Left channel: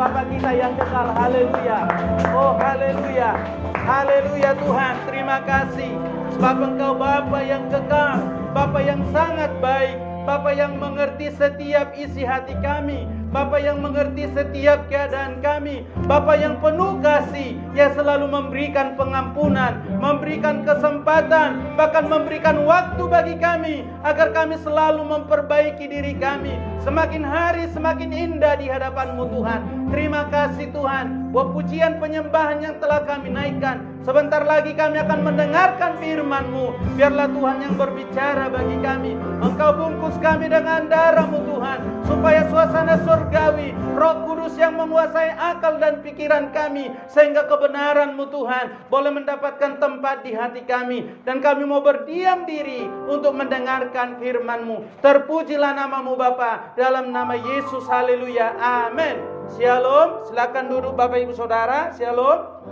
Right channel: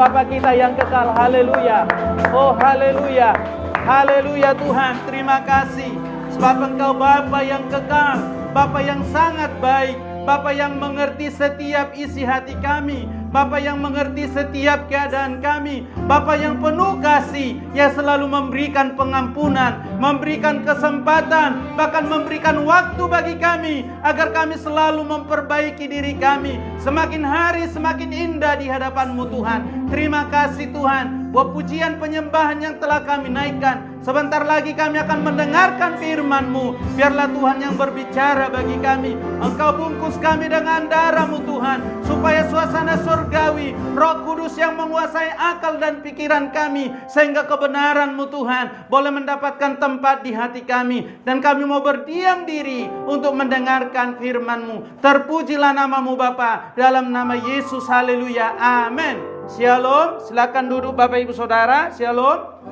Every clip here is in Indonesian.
Bapa kita yang kekal. Haleluya. Oh haleluya. Haleluya Tuhan, terima kasih sebab Engkau Bapa yang kekal, Bapa yang sangat baik, Bapa yang mengerti setiap isi hati kami, Bapa yang mengerti setiap keadaan kami, Bapa yang penuh kasih, yang selalu memberikan pengampunan, memberikan kesempatan, bahkan memberikan waktu bagi kami, agar kami selalu memperbaiki diri kami, semakin hari semakin indah di hadapan-Mu Tuhan. Terima kasih Tuhan, buat pujian penyembahan yang telah kami naikkan. Sebentar lagi kami akan mendengarkan firman-Mu. Biarlah Tuhan yang berbicara bagi kami. Engkau bungkus kami dengan darah-Mu Tuhan, supaya suasana surgawi, Roh Kudus yang menguasai akal dan pikiran kami, sehingga kebenaran-Mu Tuhan boleh mendapatkan tempat di hati kami, dan kami mau berdiam diri untuk mendengarkan firman-Mu. Terpujilah nama-Mu Bapa, dalam nama Yesus. Haleluya. Amin. Shalom. Silakan duduk Bapak Ibu Saudara. Shalom.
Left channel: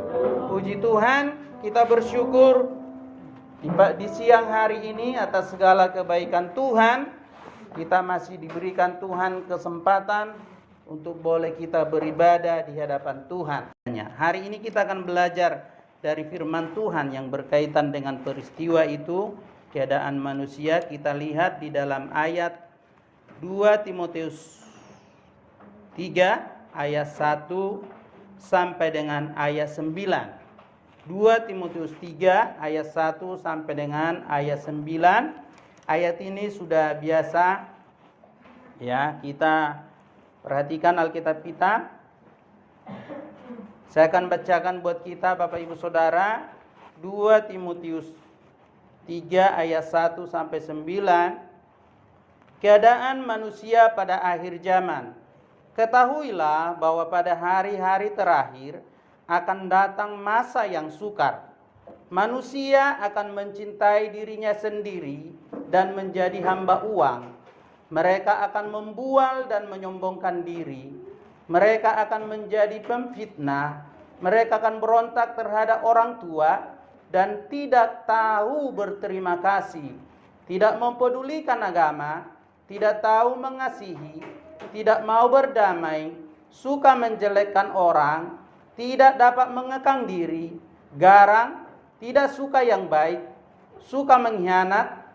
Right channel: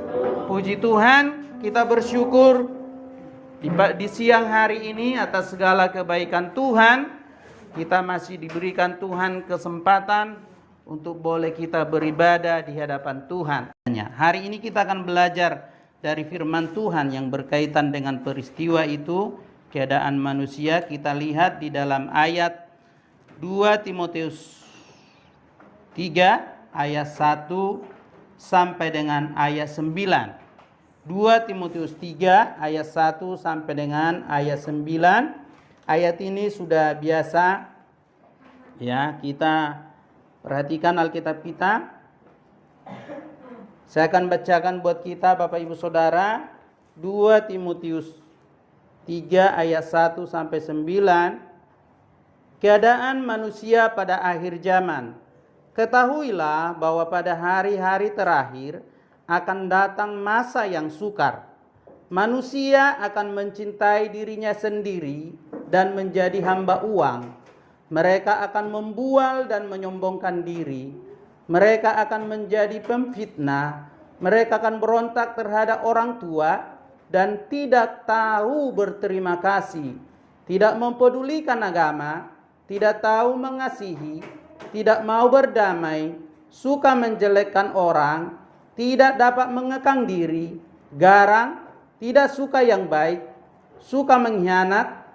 Puji Tuhan, kita bersyukur di siang hari ini atas segala kebaikan Tuhan. Kita masih diberikan Tuhan kesempatan untuk boleh kita beribadah di hadapan Tuhan. Hari ini kita akan belajar dari firman Tuhan yang berkaitan dengan peristiwa itu, keadaan manusia. Kita lihat di dalam ayat 2 Timotius 3 ayat 1 sampai dengan ayat 9. 2 Timotius 3 ayat 1 sampai dengan ayat 9. Ayat ini sudah biasa ya kita perhatikan Alkitab kita. Saya akan bacakan buat kita Bapak Ibu Saudara, 2 Timotius 3 ayat 1 sampai 9. Keadaan manusia pada akhir zaman. Ketahuilah bahwa pada hari-hari terakhir akan datang masa yang sukar. Manusia akan mencintai dirinya sendiri dan menjadi hamba uang. Mereka akan membual dan menyombongkan diri. Mereka akan menjadi pemfitnah. Mereka akan berontak terhadap orang tua dan tidak tahu berterima kasih. Tidak mempedulikan agama, tidak tahu mengasihi, tidak mau berdamai, suka menjelekkan orang, tidak dapat mengekang diri, garang, tidak suka yang baik, suka mengkhianat,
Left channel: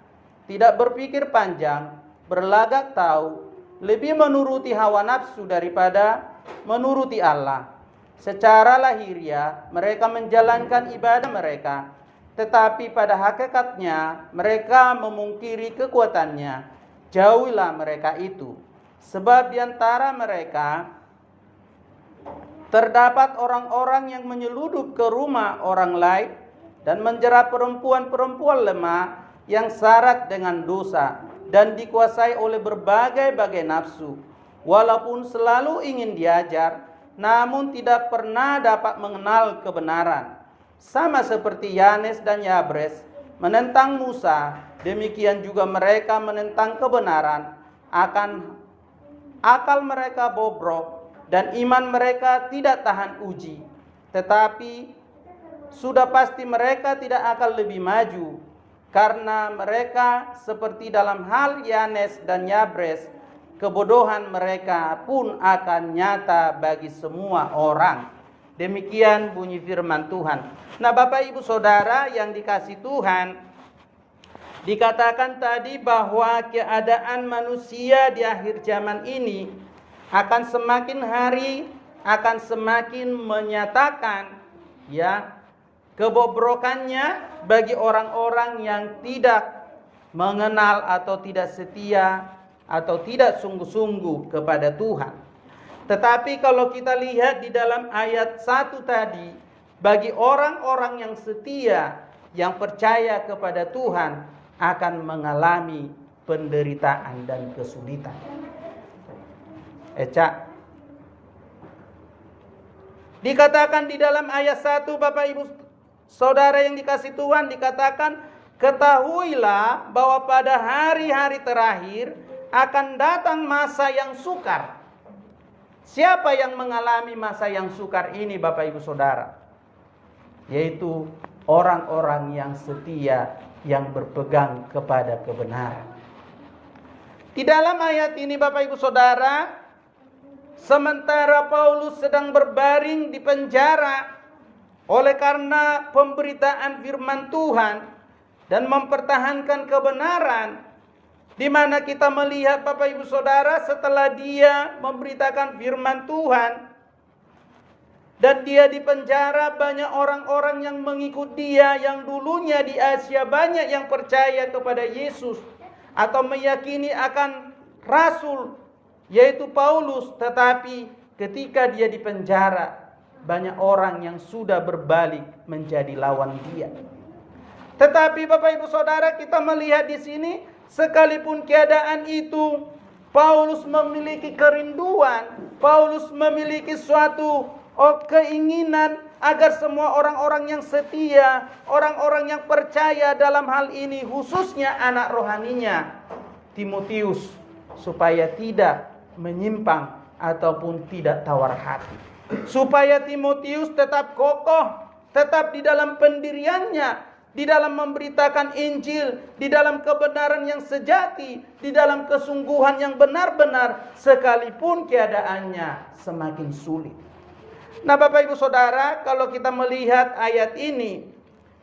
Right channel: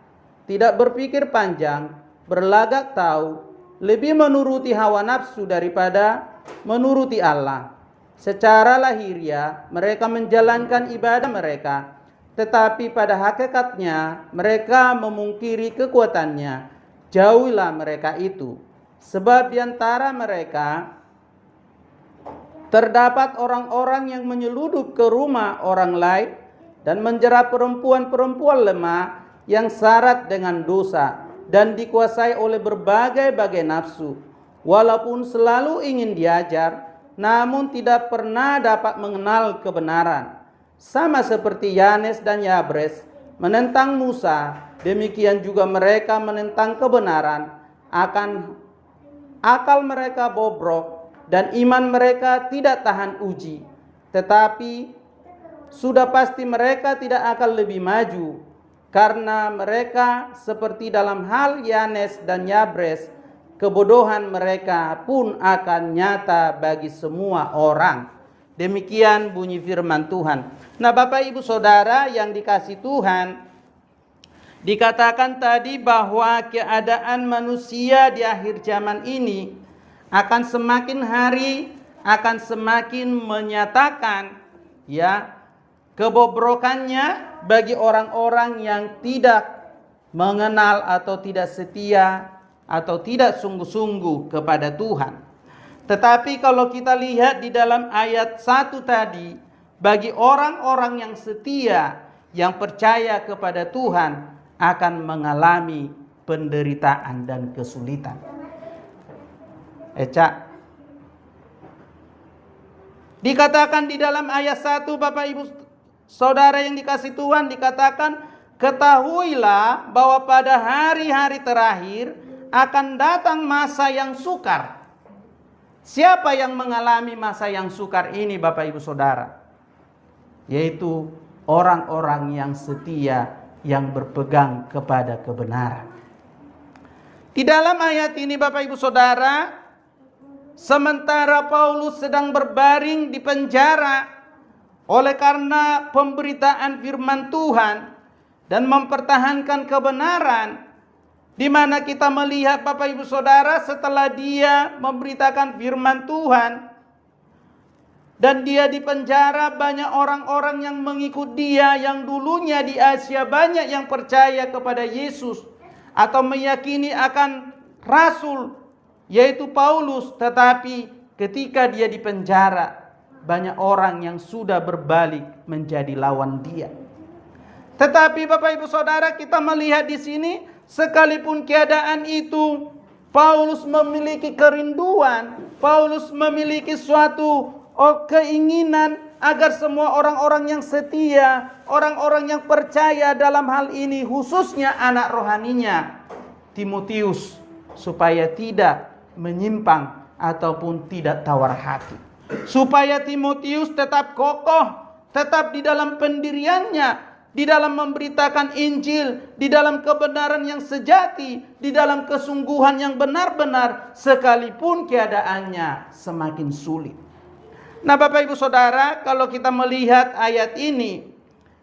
tidak berpikir panjang, berlagak tahu, lebih menuruti hawa nafsu daripada menuruti Allah. Secara lahiriah mereka menjalankan ibadah mereka, tetapi pada hakikatnya mereka memungkiri kekuatannya. Jauhilah mereka itu, sebab di antara mereka terdapat orang-orang yang menyeludup ke rumah orang lain dan menjerat perempuan-perempuan lemah yang syarat dengan dosa dan dikuasai oleh berbagai-bagai nafsu. Walaupun selalu ingin diajar, namun tidak pernah dapat mengenal kebenaran. Sama seperti Yanes dan Yabres menentang Musa, demikian juga mereka menentang kebenaran. Akal mereka bobrok dan iman mereka tidak tahan uji. Tetapi sudah pasti mereka tidak akan lebih maju, karena mereka seperti dalam hal Yanes dan Yabres, kebodohan mereka pun akan nyata bagi semua orang. Demikian bunyi firman Tuhan. Nah Bapak Ibu Saudara yang dikasih Tuhan, dikatakan tadi bahwa keadaan manusia di akhir zaman ini akan semakin hari akan semakin menyatakan ya kebobrokannya bagi orang-orang yang tidak mengenal atau tidak setia atau tidak sungguh-sungguh kepada Tuhan. Tetapi kalau kita lihat di dalam ayat 1 tadi, bagi orang-orang yang setia, yang percaya kepada Tuhan, akan mengalami penderitaan dan kesulitan. Dikatakan di dalam ayat 1 Bapak Ibu Saudara yang dikasih Tuhan, dikatakan ketahuilah bahwa pada hari-hari terakhir akan datang masa yang sukar. Siapa yang mengalami masa yang sukar ini Bapak Ibu Saudara? Yaitu orang-orang yang setia, yang berpegang kepada kebenaran. Di dalam ayat ini Bapak Ibu Saudara, sementara Paulus sedang berbaring di penjara oleh karena pemberitaan firman Tuhan dan mempertahankan kebenaran, di mana kita melihat Bapak Ibu Saudara, setelah dia memberitakan firman Tuhan dan dia di penjara, banyak orang-orang yang mengikut dia, yang dulunya di Asia banyak yang percaya kepada Yesus atau meyakini akan rasul yaitu Paulus. Tetapi ketika dia di penjara, banyak orang yang sudah berbalik menjadi lawan dia. Tetapi Bapak Ibu Saudara, kita melihat di sini, sekalipun keadaan itu, Paulus memiliki kerinduan, Paulus memiliki suatu keinginan agar semua orang-orang yang setia, orang-orang yang percaya dalam hal ini, khususnya anak rohaninya Timotius, supaya tidak menyimpang ataupun tidak tawar hati, supaya Timotius tetap kokoh, tetap di dalam pendiriannya, di dalam memberitakan Injil, di dalam kebenaran yang sejati, di dalam kesungguhan yang benar-benar, sekalipun keadaannya semakin sulit. Nah Bapak Ibu Saudara, kalau kita melihat ayat ini,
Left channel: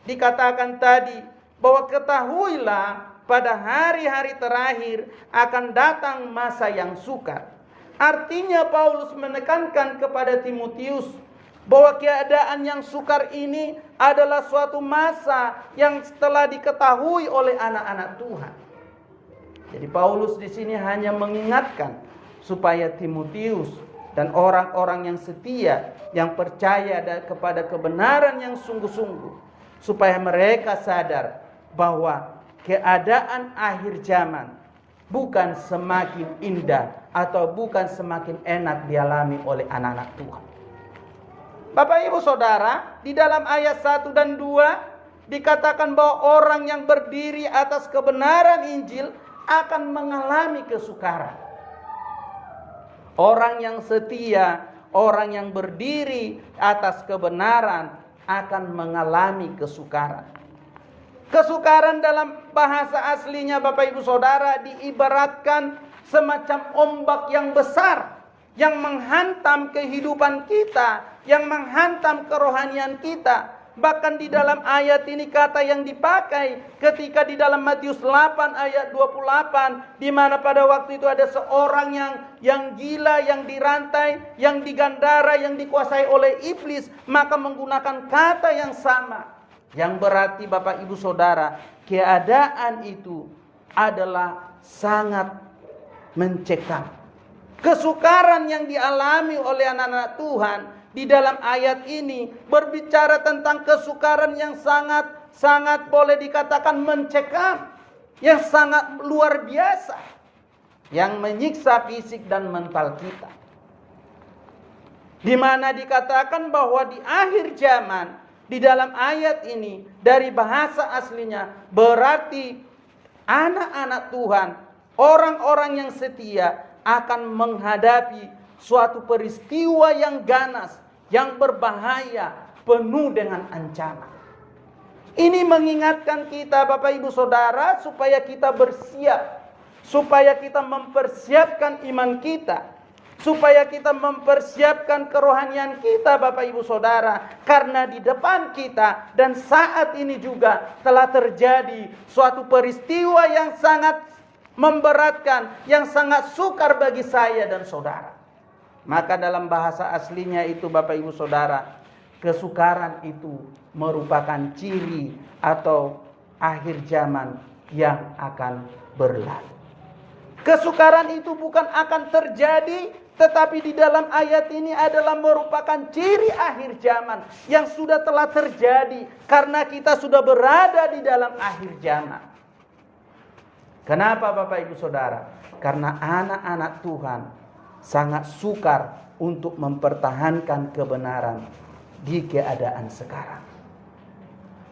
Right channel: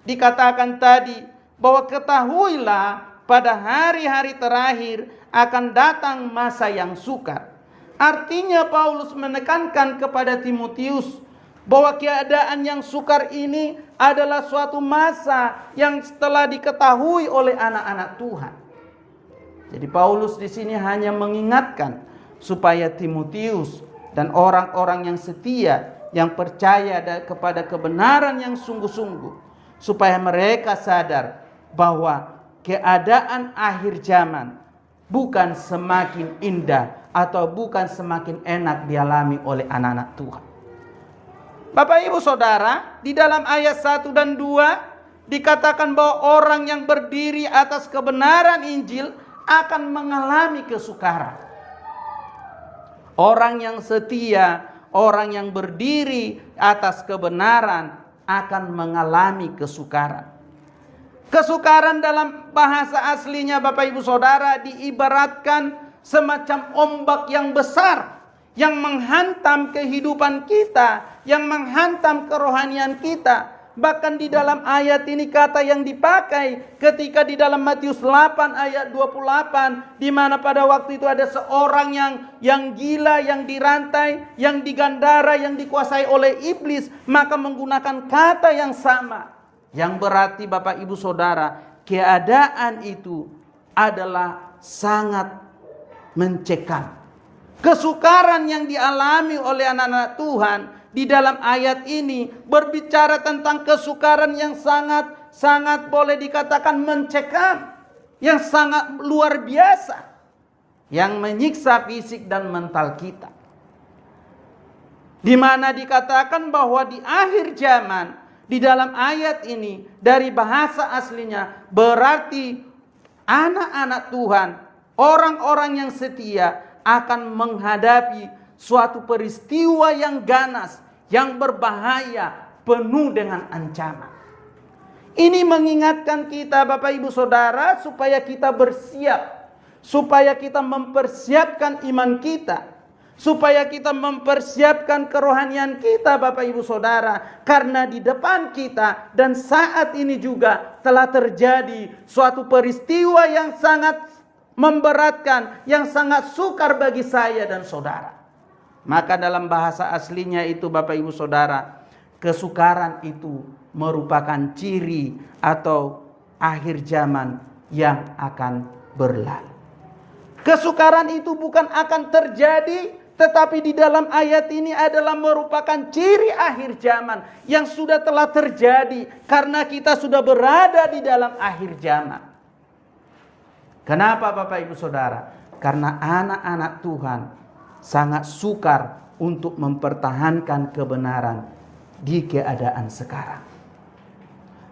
dikatakan tadi bahwa ketahuilah pada hari-hari terakhir akan datang masa yang sukar. Artinya Paulus menekankan kepada Timotius bahwa keadaan yang sukar ini adalah suatu masa yang telah diketahui oleh anak-anak Tuhan. Jadi Paulus di sini hanya mengingatkan supaya Timotius dan orang-orang yang setia, yang percaya kepada kebenaran yang sungguh-sungguh, supaya mereka sadar bahwa keadaan akhir zaman bukan semakin indah atau bukan semakin enak dialami oleh anak-anak Tuhan. Bapak Ibu Saudara, di dalam ayat 1 dan 2 dikatakan bahwa orang yang berdiri atas kebenaran Injil akan mengalami kesukaran. Orang yang setia, orang yang berdiri atas kebenaran akan mengalami kesukaran. Kesukaran dalam bahasa aslinya Bapak Ibu Saudara diibaratkan semacam ombak yang besar yang menghantam kehidupan kita, yang menghantam kerohanian kita. Bahkan di dalam ayat ini kata yang dipakai ketika di dalam Matius 8 ayat 28, di mana pada waktu itu ada seorang yang gila, yang dirantai, yang digandara, yang dikuasai oleh iblis, maka menggunakan kata yang sama, yang berarti Bapak Ibu Saudara, keadaan itu adalah sangat mencekam. Kesukaran yang dialami oleh anak-anak Tuhan di dalam ayat ini berbicara tentang kesukaran yang sangat boleh dikatakan mencekam, yang sangat luar biasa, yang menyiksa fisik dan mental kita. Di mana dikatakan bahwa di akhir zaman, di dalam ayat ini dari bahasa aslinya berarti anak-anak Tuhan, orang-orang yang setia akan menghadapi suatu peristiwa yang ganas, yang berbahaya, penuh dengan ancaman. Ini mengingatkan kita Bapak Ibu Saudara supaya kita bersiap, supaya kita mempersiapkan iman kita, supaya kita mempersiapkan kerohanian kita Bapak Ibu Saudara. Karena di depan kita dan saat ini juga telah terjadi suatu peristiwa yang sangat memberatkan, yang sangat sukar bagi saya dan saudara. Maka dalam bahasa aslinya itu Bapak Ibu Saudara, kesukaran itu merupakan ciri atau akhir zaman yang akan berlalu. Kesukaran itu bukan akan terjadi, tetapi di dalam ayat ini adalah merupakan ciri akhir zaman yang sudah telah terjadi karena kita sudah berada di dalam akhir zaman. Kenapa Bapak Ibu Saudara? Karena anak-anak Tuhan sangat sukar untuk mempertahankan kebenaran di keadaan sekarang.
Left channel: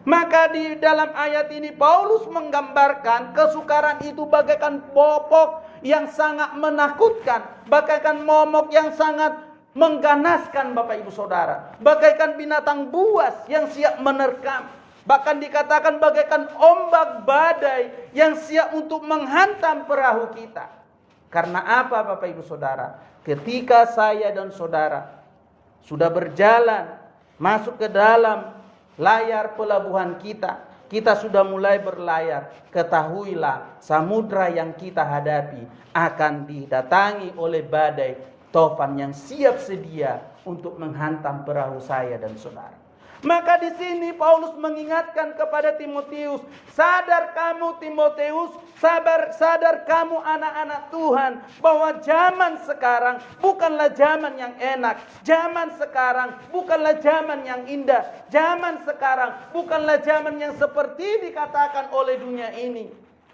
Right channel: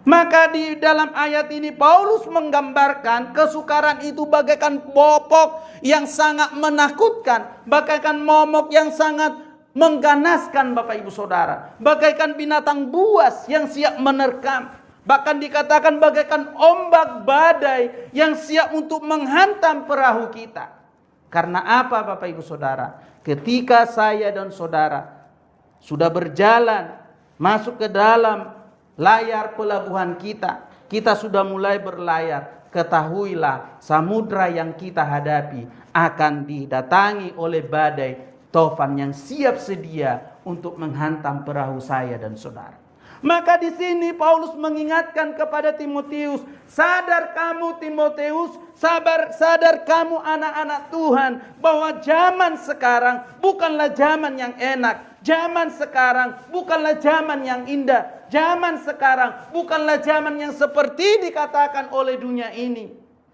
Maka di dalam ayat ini Paulus menggambarkan kesukaran itu bagaikan momok yang sangat menakutkan, bagaikan momok yang sangat mengganaskan Bapak Ibu Saudara, bagaikan binatang buas yang siap menerkam. Bahkan dikatakan bagaikan ombak badai yang siap untuk menghantam perahu kita. Karena apa Bapak Ibu Saudara? Ketika saya dan saudara sudah berjalan masuk ke dalam layar pelabuhan kita, kita sudah mulai berlayar, ketahuilah samudra yang kita hadapi akan didatangi oleh badai tofan yang siap sedia untuk menghantam perahu saya dan saudara. Maka di sini Paulus mengingatkan kepada Timotius, sadar kamu Timotius, sadar kamu anak-anak Tuhan, bahwa zaman sekarang bukanlah zaman yang enak, zaman sekarang bukanlah zaman yang indah, zaman sekarang bukanlah zaman yang seperti dikatakan oleh dunia ini.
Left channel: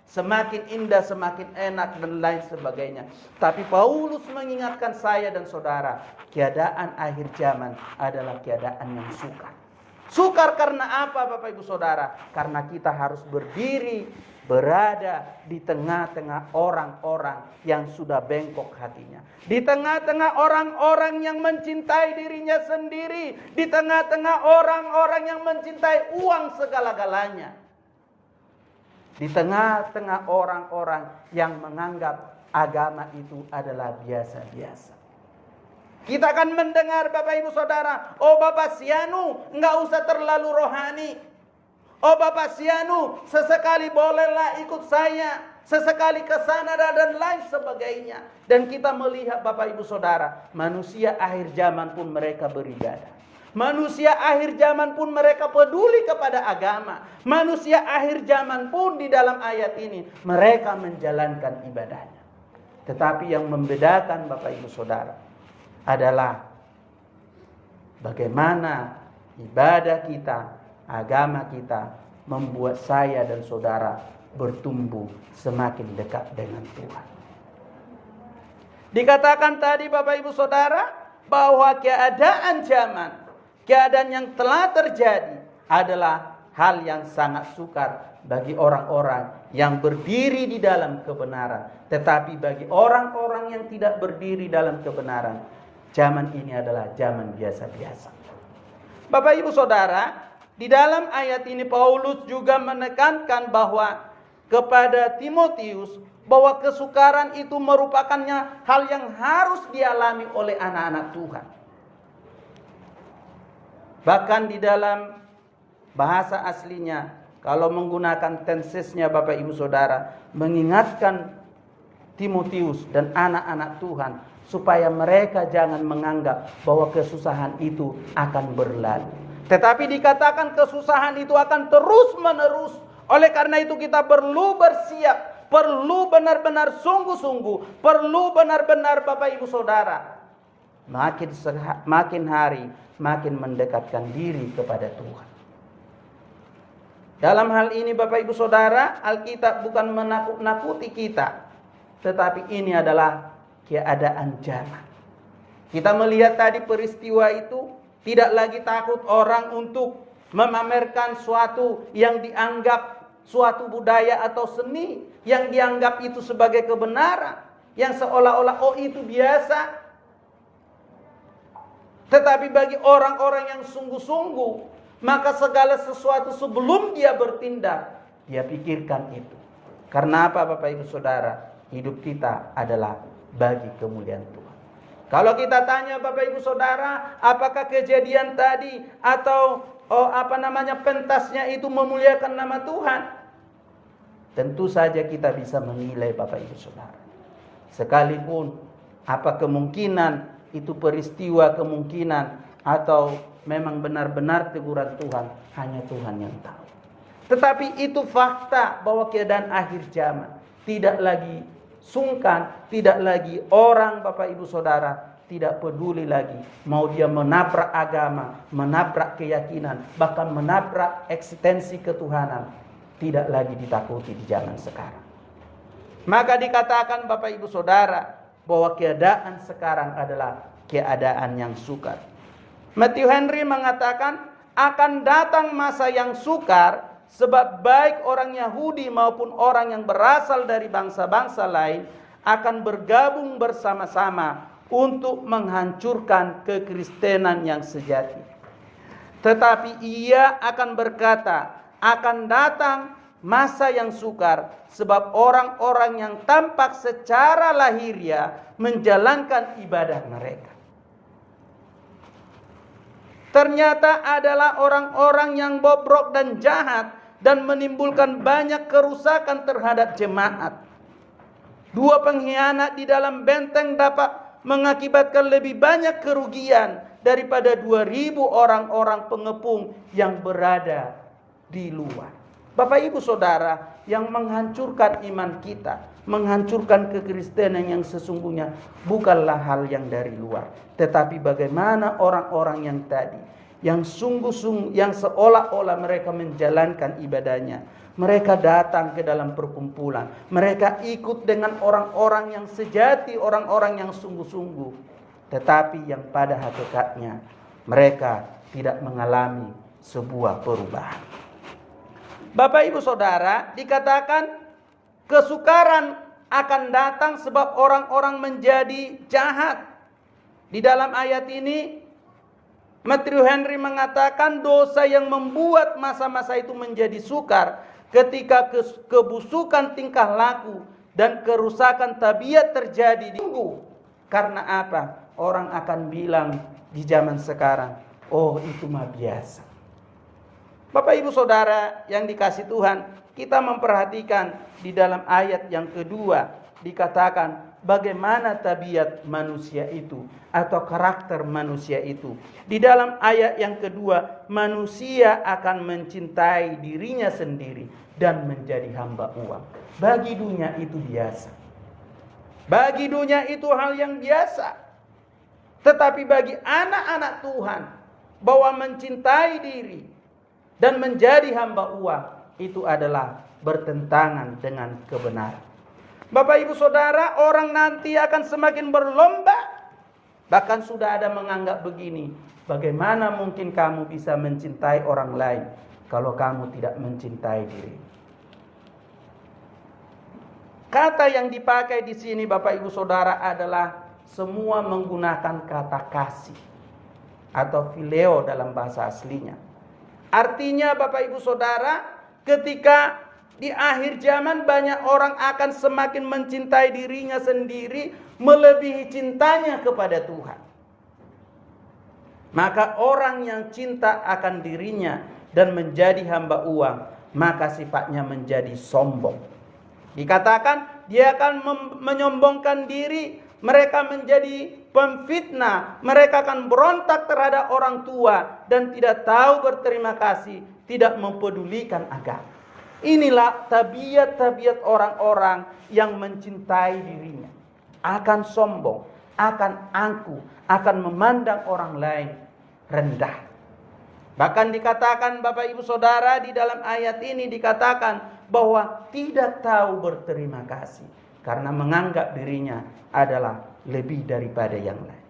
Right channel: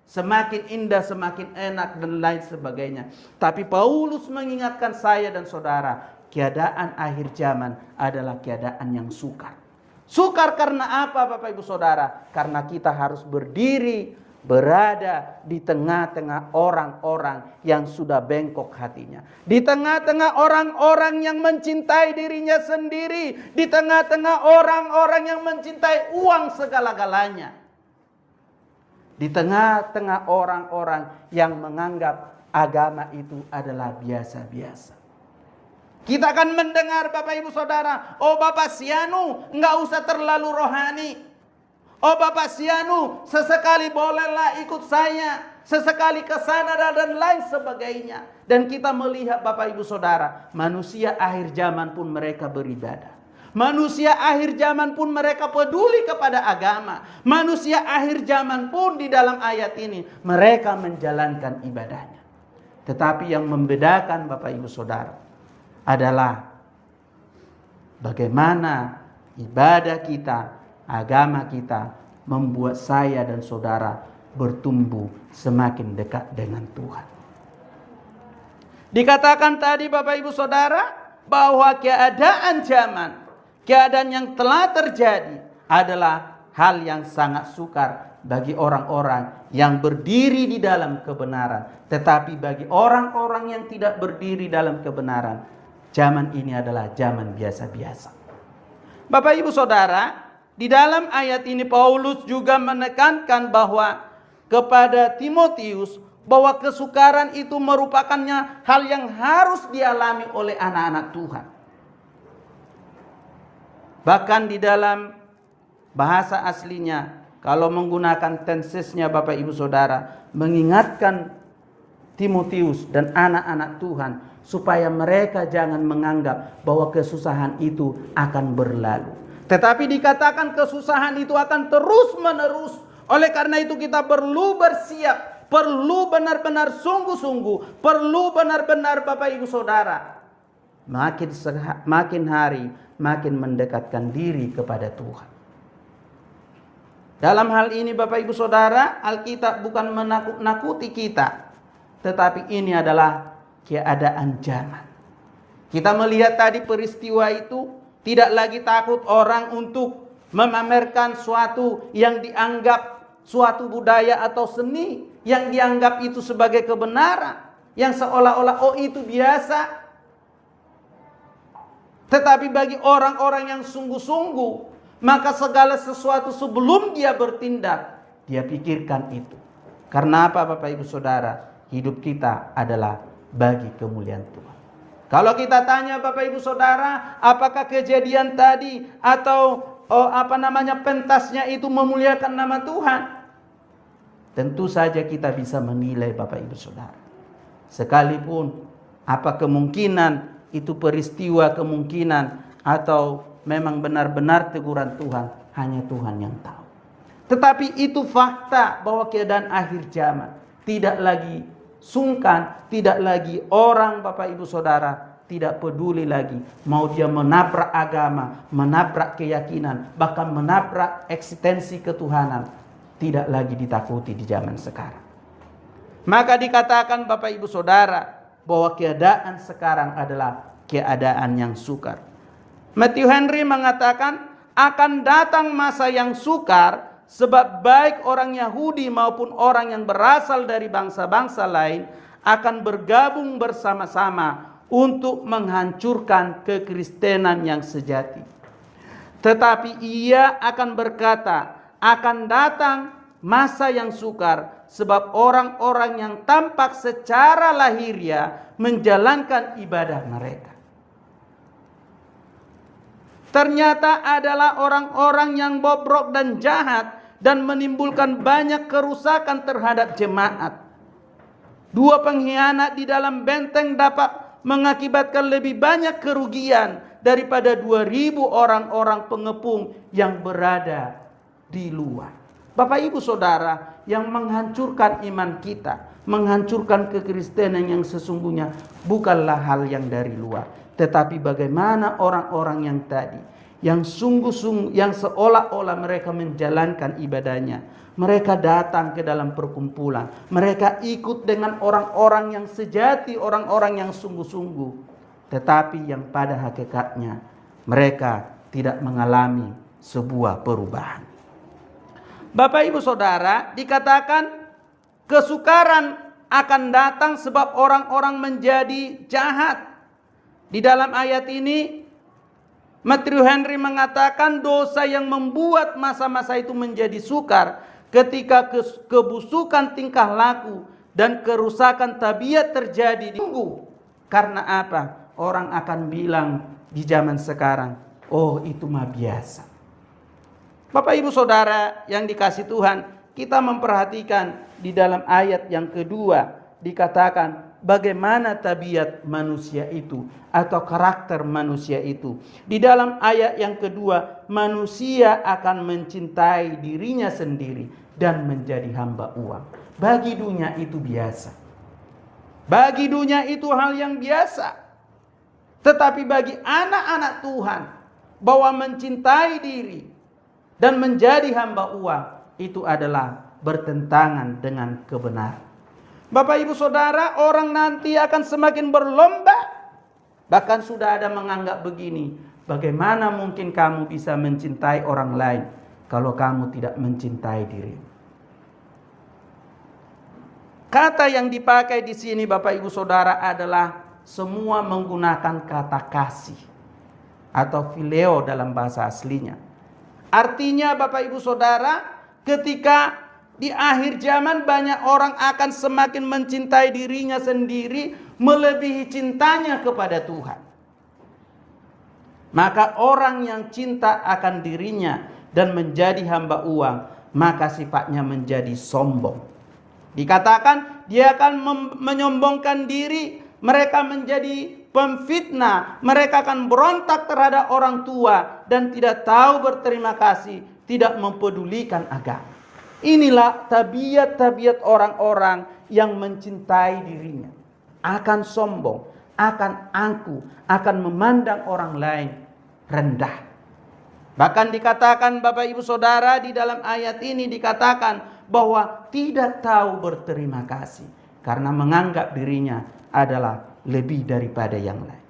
Semakin indah, semakin enak dan lain sebagainya. Tapi Paulus mengingatkan saya dan saudara, keadaan akhir zaman adalah keadaan yang sukar. Sukar karena apa Bapak Ibu Saudara? Karena kita harus berdiri, berada di tengah-tengah orang-orang yang sudah bengkok hatinya. Di tengah-tengah orang-orang yang mencintai dirinya sendiri. Di tengah-tengah orang-orang yang mencintai uang segala-galanya. Di tengah-tengah orang-orang yang menganggap agama itu adalah biasa-biasa. Kita akan mendengar Bapak Ibu Saudara, oh Bapak Sianu nggak usah terlalu rohani. Oh Bapak Sianu sesekali bolehlah ikut saya, sesekali ke sana dan lain sebagainya. Dan kita melihat Bapak Ibu Saudara, manusia akhir zaman pun mereka beribadah. Manusia akhir zaman pun mereka peduli kepada agama. Manusia akhir zaman pun di dalam ayat ini mereka menjalankan ibadahnya. Tetapi yang membedakan Bapak Ibu Saudara adalah bagaimana ibadah kita, agama kita membuat saya dan saudara bertumbuh semakin dekat dengan Tuhan. Dikatakan tadi Bapak Ibu Saudara bahwa keadaan zaman, keadaan yang telah terjadi adalah hal yang sangat sukar bagi orang-orang yang berdiri di dalam kebenaran. Tetapi bagi orang-orang yang tidak berdiri dalam kebenaran, zaman ini adalah zaman biasa-biasa. Bapak Ibu Saudara, di dalam ayat ini Paulus juga menekankan bahwa kepada Timotius bahwa kesukaran itu merupakannya hal yang harus dialami oleh anak-anak Tuhan. Bahkan di dalam bahasa aslinya, kalau menggunakan tensesnya Bapak Ibu Saudara, mengingatkan Timotius dan anak-anak Tuhan supaya mereka jangan menganggap bahwa kesusahan itu akan berlalu. Tetapi dikatakan kesusahan itu akan terus menerus. Oleh karena itu kita perlu bersiap, perlu benar-benar sungguh-sungguh, perlu benar-benar Bapak Ibu Saudara makin hari makin mendekatkan diri kepada Tuhan. Dalam hal ini Bapak Ibu Saudara, Alkitab bukan menakut-nakuti kita, tetapi ini adalah keadaan zaman. Kita melihat tadi peristiwa itu, tidak lagi takut orang untuk memamerkan suatu yang dianggap suatu budaya atau seni, yang dianggap itu sebagai kebenaran, yang seolah-olah oh itu biasa. Tetapi bagi orang-orang yang sungguh-sungguh, maka segala sesuatu sebelum dia bertindak, dia pikirkan itu. Karena apa Bapak Ibu Saudara? Hidup kita adalah bagi kemuliaan Tuhan. Kalau kita tanya Bapak Ibu Saudara, apakah kejadian tadi atau pentasnya itu memuliakan nama Tuhan? Tentu saja kita bisa menilai Bapak Ibu Saudara. Sekalipun apa kemungkinan itu peristiwa kemungkinan atau memang benar-benar teguran Tuhan, hanya Tuhan yang tahu. Tetapi itu fakta bahwa keadaan akhir zaman tidak lagi sungkan, tidak lagi orang Bapak Ibu Saudara tidak peduli lagi mau dia menabrak agama, menabrak keyakinan, bahkan menabrak eksistensi ketuhanan, tidak lagi ditakuti di zaman sekarang. Maka dikatakan Bapak Ibu Saudara bahwa keadaan sekarang adalah keadaan yang sukar. Matthew Henry mengatakan akan datang masa yang sukar sebab baik orang Yahudi maupun orang yang berasal dari bangsa-bangsa lain akan bergabung bersama-sama untuk menghancurkan kekristenan yang sejati. Tetapi ia akan berkata, akan datang masa yang sukar, sebab orang-orang yang tampak secara lahiriah menjalankan ibadah mereka ternyata adalah orang-orang yang bobrok dan jahat dan menimbulkan banyak kerusakan terhadap jemaat. Dua pengkhianat di dalam benteng dapat mengakibatkan lebih banyak kerugian daripada 2.000 orang-orang pengepung yang berada di luar. Bapak Ibu Saudara, yang menghancurkan iman kita, menghancurkan kekristenan yang sesungguhnya bukanlah hal yang dari luar, tetapi bagaimana orang-orang yang tadi, yang sungguh-sungguh, yang seolah-olah mereka menjalankan ibadahnya. Mereka datang ke dalam perkumpulan, mereka ikut dengan orang-orang yang sejati, orang-orang yang sungguh-sungguh, tetapi yang pada hakikatnya mereka tidak mengalami sebuah perubahan. Bapak Ibu Saudara, dikatakan kesukaran akan datang sebab orang-orang menjadi jahat. Di dalam ayat ini Matthew Henry mengatakan dosa yang membuat masa-masa itu menjadi sukar ketika kebusukan tingkah laku dan kerusakan tabiat terjadi di tubuh. Karena apa? Orang akan bilang di zaman sekarang, oh itu mah biasa. Bapak Ibu Saudara yang dikasih Tuhan, kita memperhatikan di dalam ayat yang kedua dikatakan bagaimana tabiat manusia itu atau karakter manusia itu. Di dalam ayat yang kedua, manusia akan mencintai dirinya sendiri dan menjadi hamba uang. Bagi dunia itu biasa. Bagi dunia itu hal yang biasa. Tetapi bagi anak-anak Tuhan, bahwa mencintai diri dan menjadi hamba uang itu adalah bertentangan dengan kebenaran. Bapak Ibu Saudara, orang nanti akan semakin berlomba. Bahkan sudah ada menganggap begini, bagaimana mungkin kamu bisa mencintai orang lain kalau kamu tidak mencintai diri? Kata yang dipakai di sini Bapak Ibu Saudara adalah semua menggunakan kata kasih atau phileo dalam bahasa aslinya. Artinya Bapak Ibu Saudara, ketika di akhir zaman banyak orang akan semakin mencintai dirinya sendiri melebihi cintanya kepada Tuhan. Maka orang yang cinta akan dirinya dan menjadi hamba uang, maka sifatnya menjadi sombong. Dikatakan dia akan menyombongkan diri, mereka menjadi pemfitnah, mereka akan berontak terhadap orang tua dan tidak tahu berterima kasih, tidak mempedulikan agama. Inilah tabiat-tabiat orang-orang yang mencintai dirinya. Akan sombong, akan angkuh, akan memandang orang lain rendah. Bahkan dikatakan Bapak Ibu Saudara di dalam ayat ini dikatakan bahwa tidak tahu berterima kasih. Karena menganggap dirinya adalah lebih daripada yang lain.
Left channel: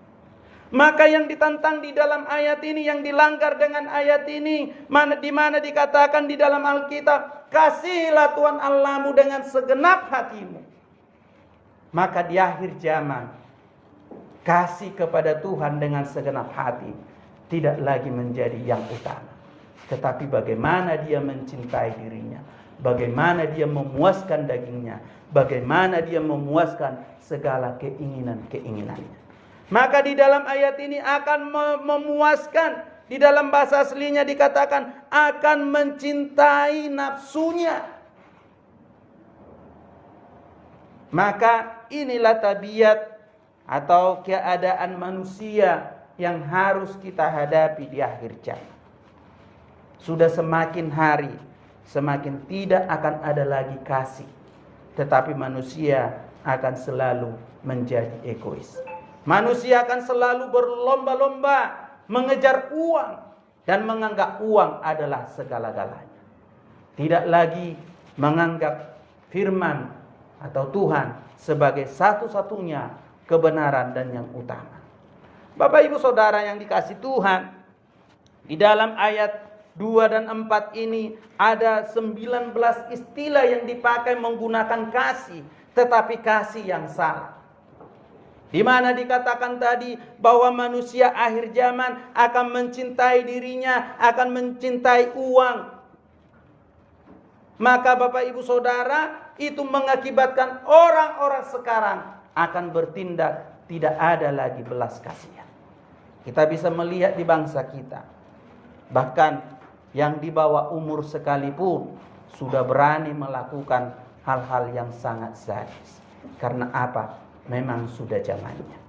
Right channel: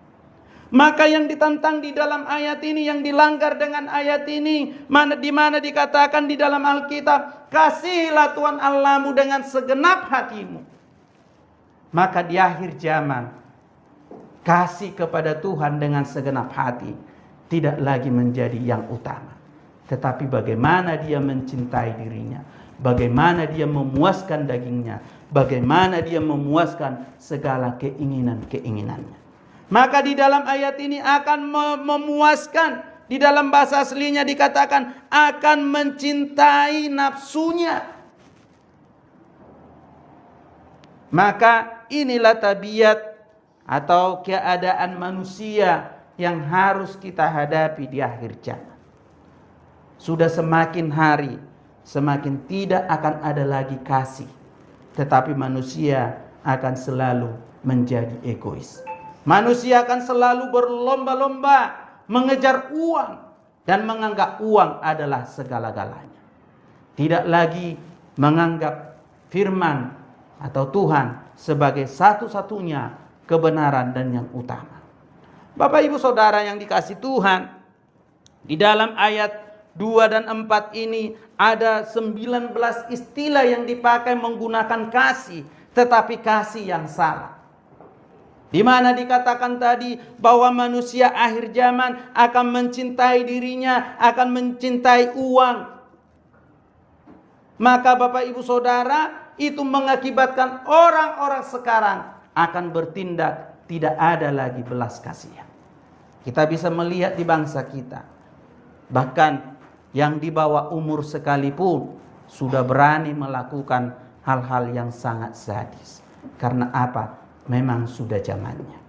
Maka yang ditantang di dalam ayat ini, yang dilanggar dengan ayat ini, di mana dikatakan di dalam Alkitab, kasihilah Tuhan Allahmu dengan segenap hatimu. Maka di akhir zaman, kasih kepada Tuhan dengan segenap hati tidak lagi menjadi yang utama. Tetapi bagaimana dia mencintai dirinya, bagaimana dia memuaskan dagingnya, bagaimana dia memuaskan segala keinginan-keinginannya. Maka di dalam ayat ini akan memuaskan, di dalam bahasa aslinya dikatakan akan mencintai nafsunya. Maka inilah tabiat atau keadaan manusia yang harus kita hadapi di akhir zaman. Sudah semakin hari, semakin tidak akan ada lagi kasih, tetapi manusia akan selalu menjadi egois. Manusia akan selalu berlomba-lomba mengejar uang dan menganggap uang adalah segala-galanya. Tidak lagi menganggap firman atau Tuhan sebagai satu-satunya kebenaran dan yang utama. Bapak Ibu Saudara yang dikasih Tuhan, di dalam ayat 2 dan 4 ini ada 19 istilah yang dipakai menggunakan kasih, tetapi kasih yang salah. Di mana dikatakan tadi bahwa manusia akhir zaman akan mencintai dirinya, akan mencintai uang. Maka Bapak Ibu Saudara, itu mengakibatkan orang-orang sekarang akan bertindak tidak ada lagi belas kasihan. Kita bisa melihat di bangsa kita, bahkan yang di bawah umur sekalipun sudah berani melakukan hal-hal yang sangat sadis. Karena apa? Memang sudah zamannya.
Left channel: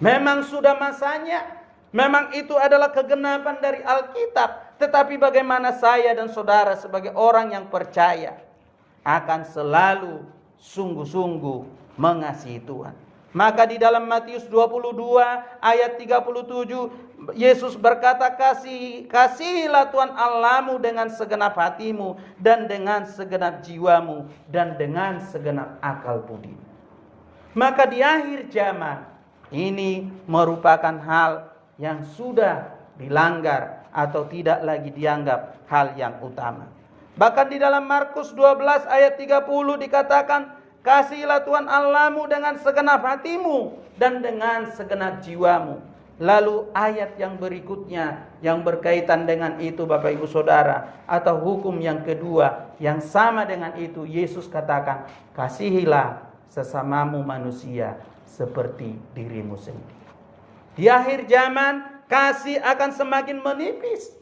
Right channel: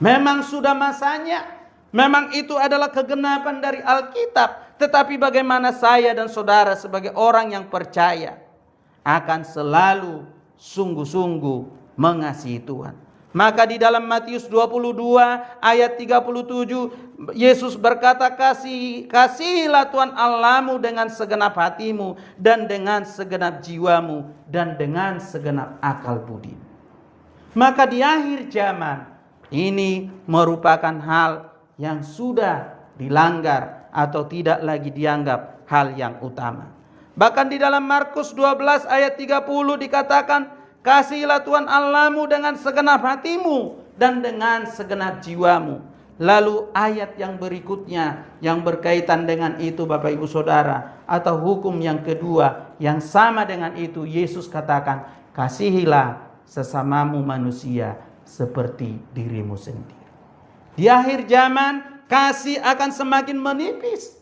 Memang sudah masanya. Memang itu adalah kegenapan dari Alkitab. Tetapi bagaimana saya dan saudara sebagai orang yang percaya akan selalu sungguh-sungguh mengasihi Tuhan. Maka di dalam Matius 22 ayat 37 Yesus berkata, kasihilah Tuhan Allahmu dengan segenap hatimu dan dengan segenap jiwamu dan dengan segenap akal budimu. Maka di akhir zaman ini merupakan hal yang sudah dilanggar atau tidak lagi dianggap hal yang utama. Bahkan di dalam Markus 12 ayat 30 dikatakan, kasihilah Tuhan Allahmu dengan segenap hatimu dan dengan segenap jiwamu. Lalu ayat yang berikutnya yang berkaitan dengan itu Bapak Ibu Saudara, atau hukum yang kedua yang sama dengan itu, Yesus katakan, kasihilah sesamamu manusia seperti dirimu sendiri. Di akhir zaman kasih akan semakin menipis.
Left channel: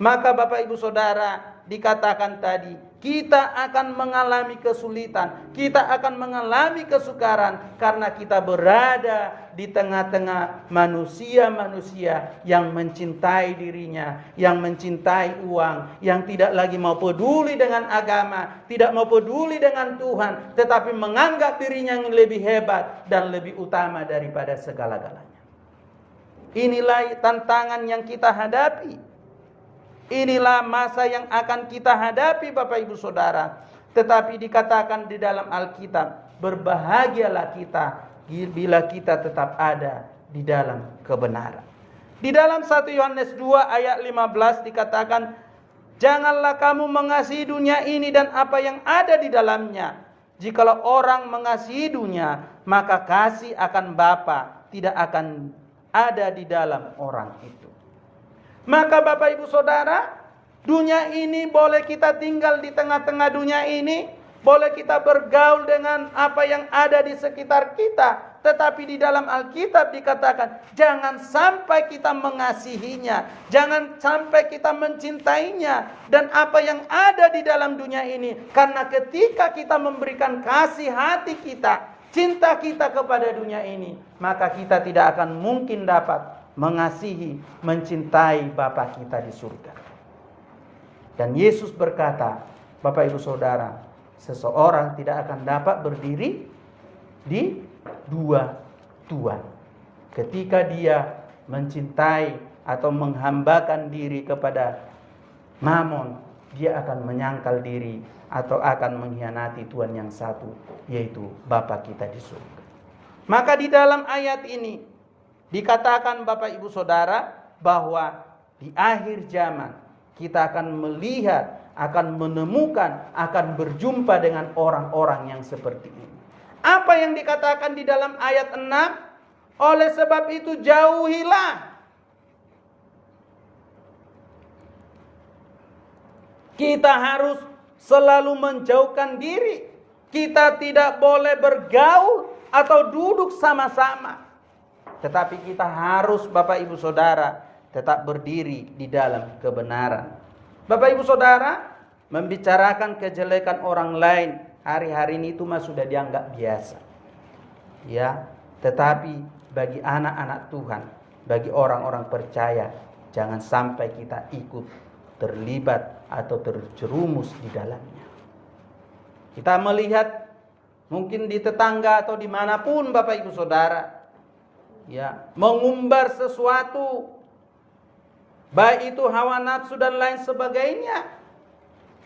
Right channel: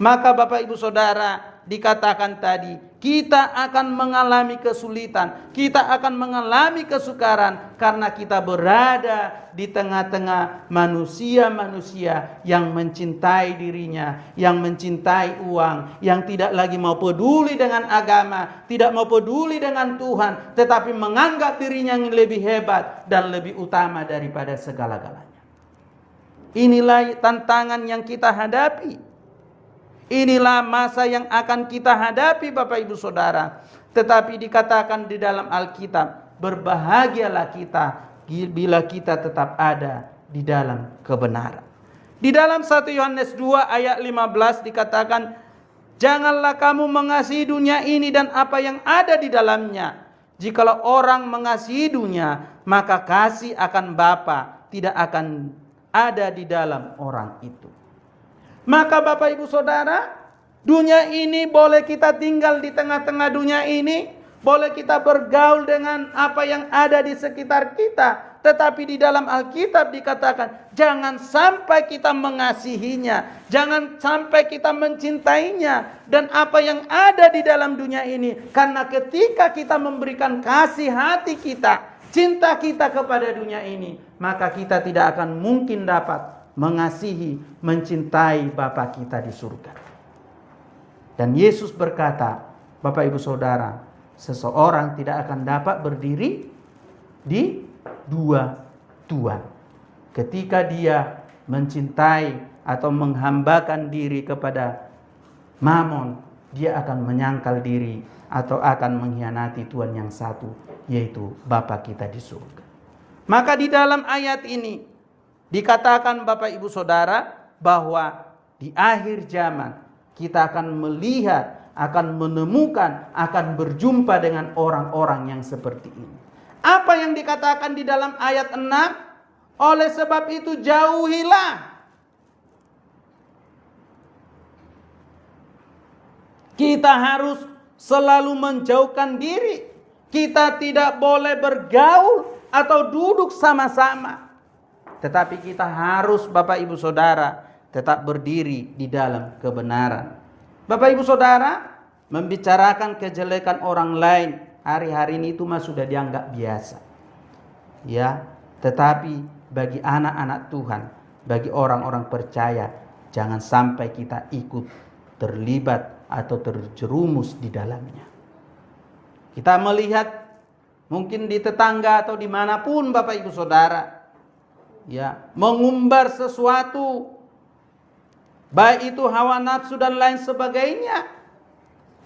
Maka Bapak Ibu Saudara, dikatakan tadi, kita akan mengalami kesulitan, kita akan mengalami kesukaran karena kita berada di tengah-tengah manusia-manusia yang mencintai dirinya, yang mencintai uang, yang tidak lagi mau peduli dengan agama, tidak mau peduli dengan Tuhan, tetapi menganggap dirinya yang lebih hebat dan lebih utama daripada segala-galanya. Inilah tantangan yang kita hadapi. Inilah masa yang akan kita hadapi Bapak Ibu Saudara. Tetapi dikatakan di dalam Alkitab, berbahagialah kita bila kita tetap ada di dalam kebenaran. Di dalam 1 Yohanes 2 ayat 15 dikatakan, janganlah kamu mengasihi dunia ini dan apa yang ada di dalamnya. Jikalau orang mengasihi dunia, maka kasih akan Bapa tidak akan ada di dalam orang itu. Maka Bapak Ibu Saudara, dunia ini boleh kita tinggal di tengah-tengah dunia ini, boleh kita bergaul dengan apa yang ada di sekitar kita, tetapi di dalam Alkitab dikatakan jangan sampai kita mengasihinya, jangan sampai kita mencintainya dan apa yang ada di dalam dunia ini, karena ketika kita memberikan kasih hati kita, cinta kita kepada dunia ini, maka kita tidak akan mungkin dapat mengasihi, mencintai Bapa kita di surga. Dan Yesus berkata, Bapak Ibu Saudara, seseorang tidak akan dapat berdiri di dua Tuhan. Ketika dia mencintai atau menghambakan diri kepada Mamon, dia akan menyangkal diri atau akan mengkhianati Tuhan yang satu, yaitu Bapa kita di surga. Maka di dalam ayat ini dikatakan Bapak Ibu Saudara bahwa di akhir zaman kita akan melihat, akan menemukan, akan berjumpa dengan orang-orang yang seperti ini. Apa yang dikatakan di dalam ayat 6? Oleh sebab itu jauhilah. Kita harus selalu menjauhkan diri. Kita tidak boleh bergaul atau duduk sama-sama. Tetapi kita harus Bapak Ibu Saudara tetap berdiri di dalam kebenaran. Bapak Ibu Saudara, membicarakan kejelekan orang lain hari-hari ini itu mah sudah dianggap biasa. Ya, tetapi bagi anak-anak Tuhan, bagi orang-orang percaya, jangan sampai kita ikut terlibat atau terjerumus di dalamnya. Kita melihat mungkin di tetangga atau dimanapun Bapak Ibu Saudara, ya, mengumbar sesuatu, baik itu hawa nafsu dan lain sebagainya,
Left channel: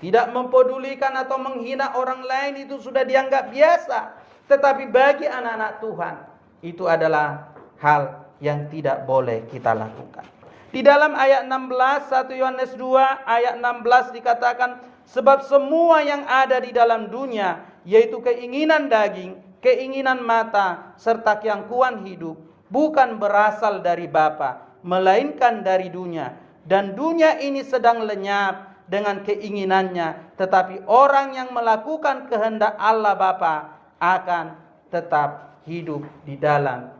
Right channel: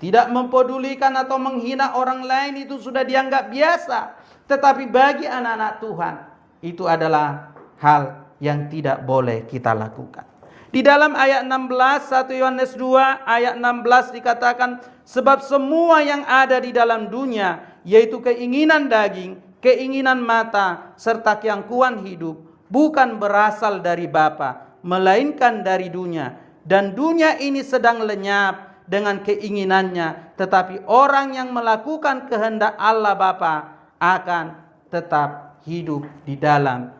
tidak mempedulikan atau menghina orang lain, itu sudah dianggap biasa. Tetapi bagi anak-anak Tuhan, itu adalah hal yang tidak boleh kita lakukan. Di dalam ayat 16, 1 Yohanes 2 ayat 16 dikatakan, sebab semua yang ada di dalam dunia, yaitu keinginan daging, keinginan mata, serta keangkuhan hidup, bukan berasal dari Bapa, melainkan dari dunia. Dan dunia ini sedang lenyap dengan keinginannya, tetapi orang yang melakukan kehendak Allah Bapa akan tetap hidup di dalam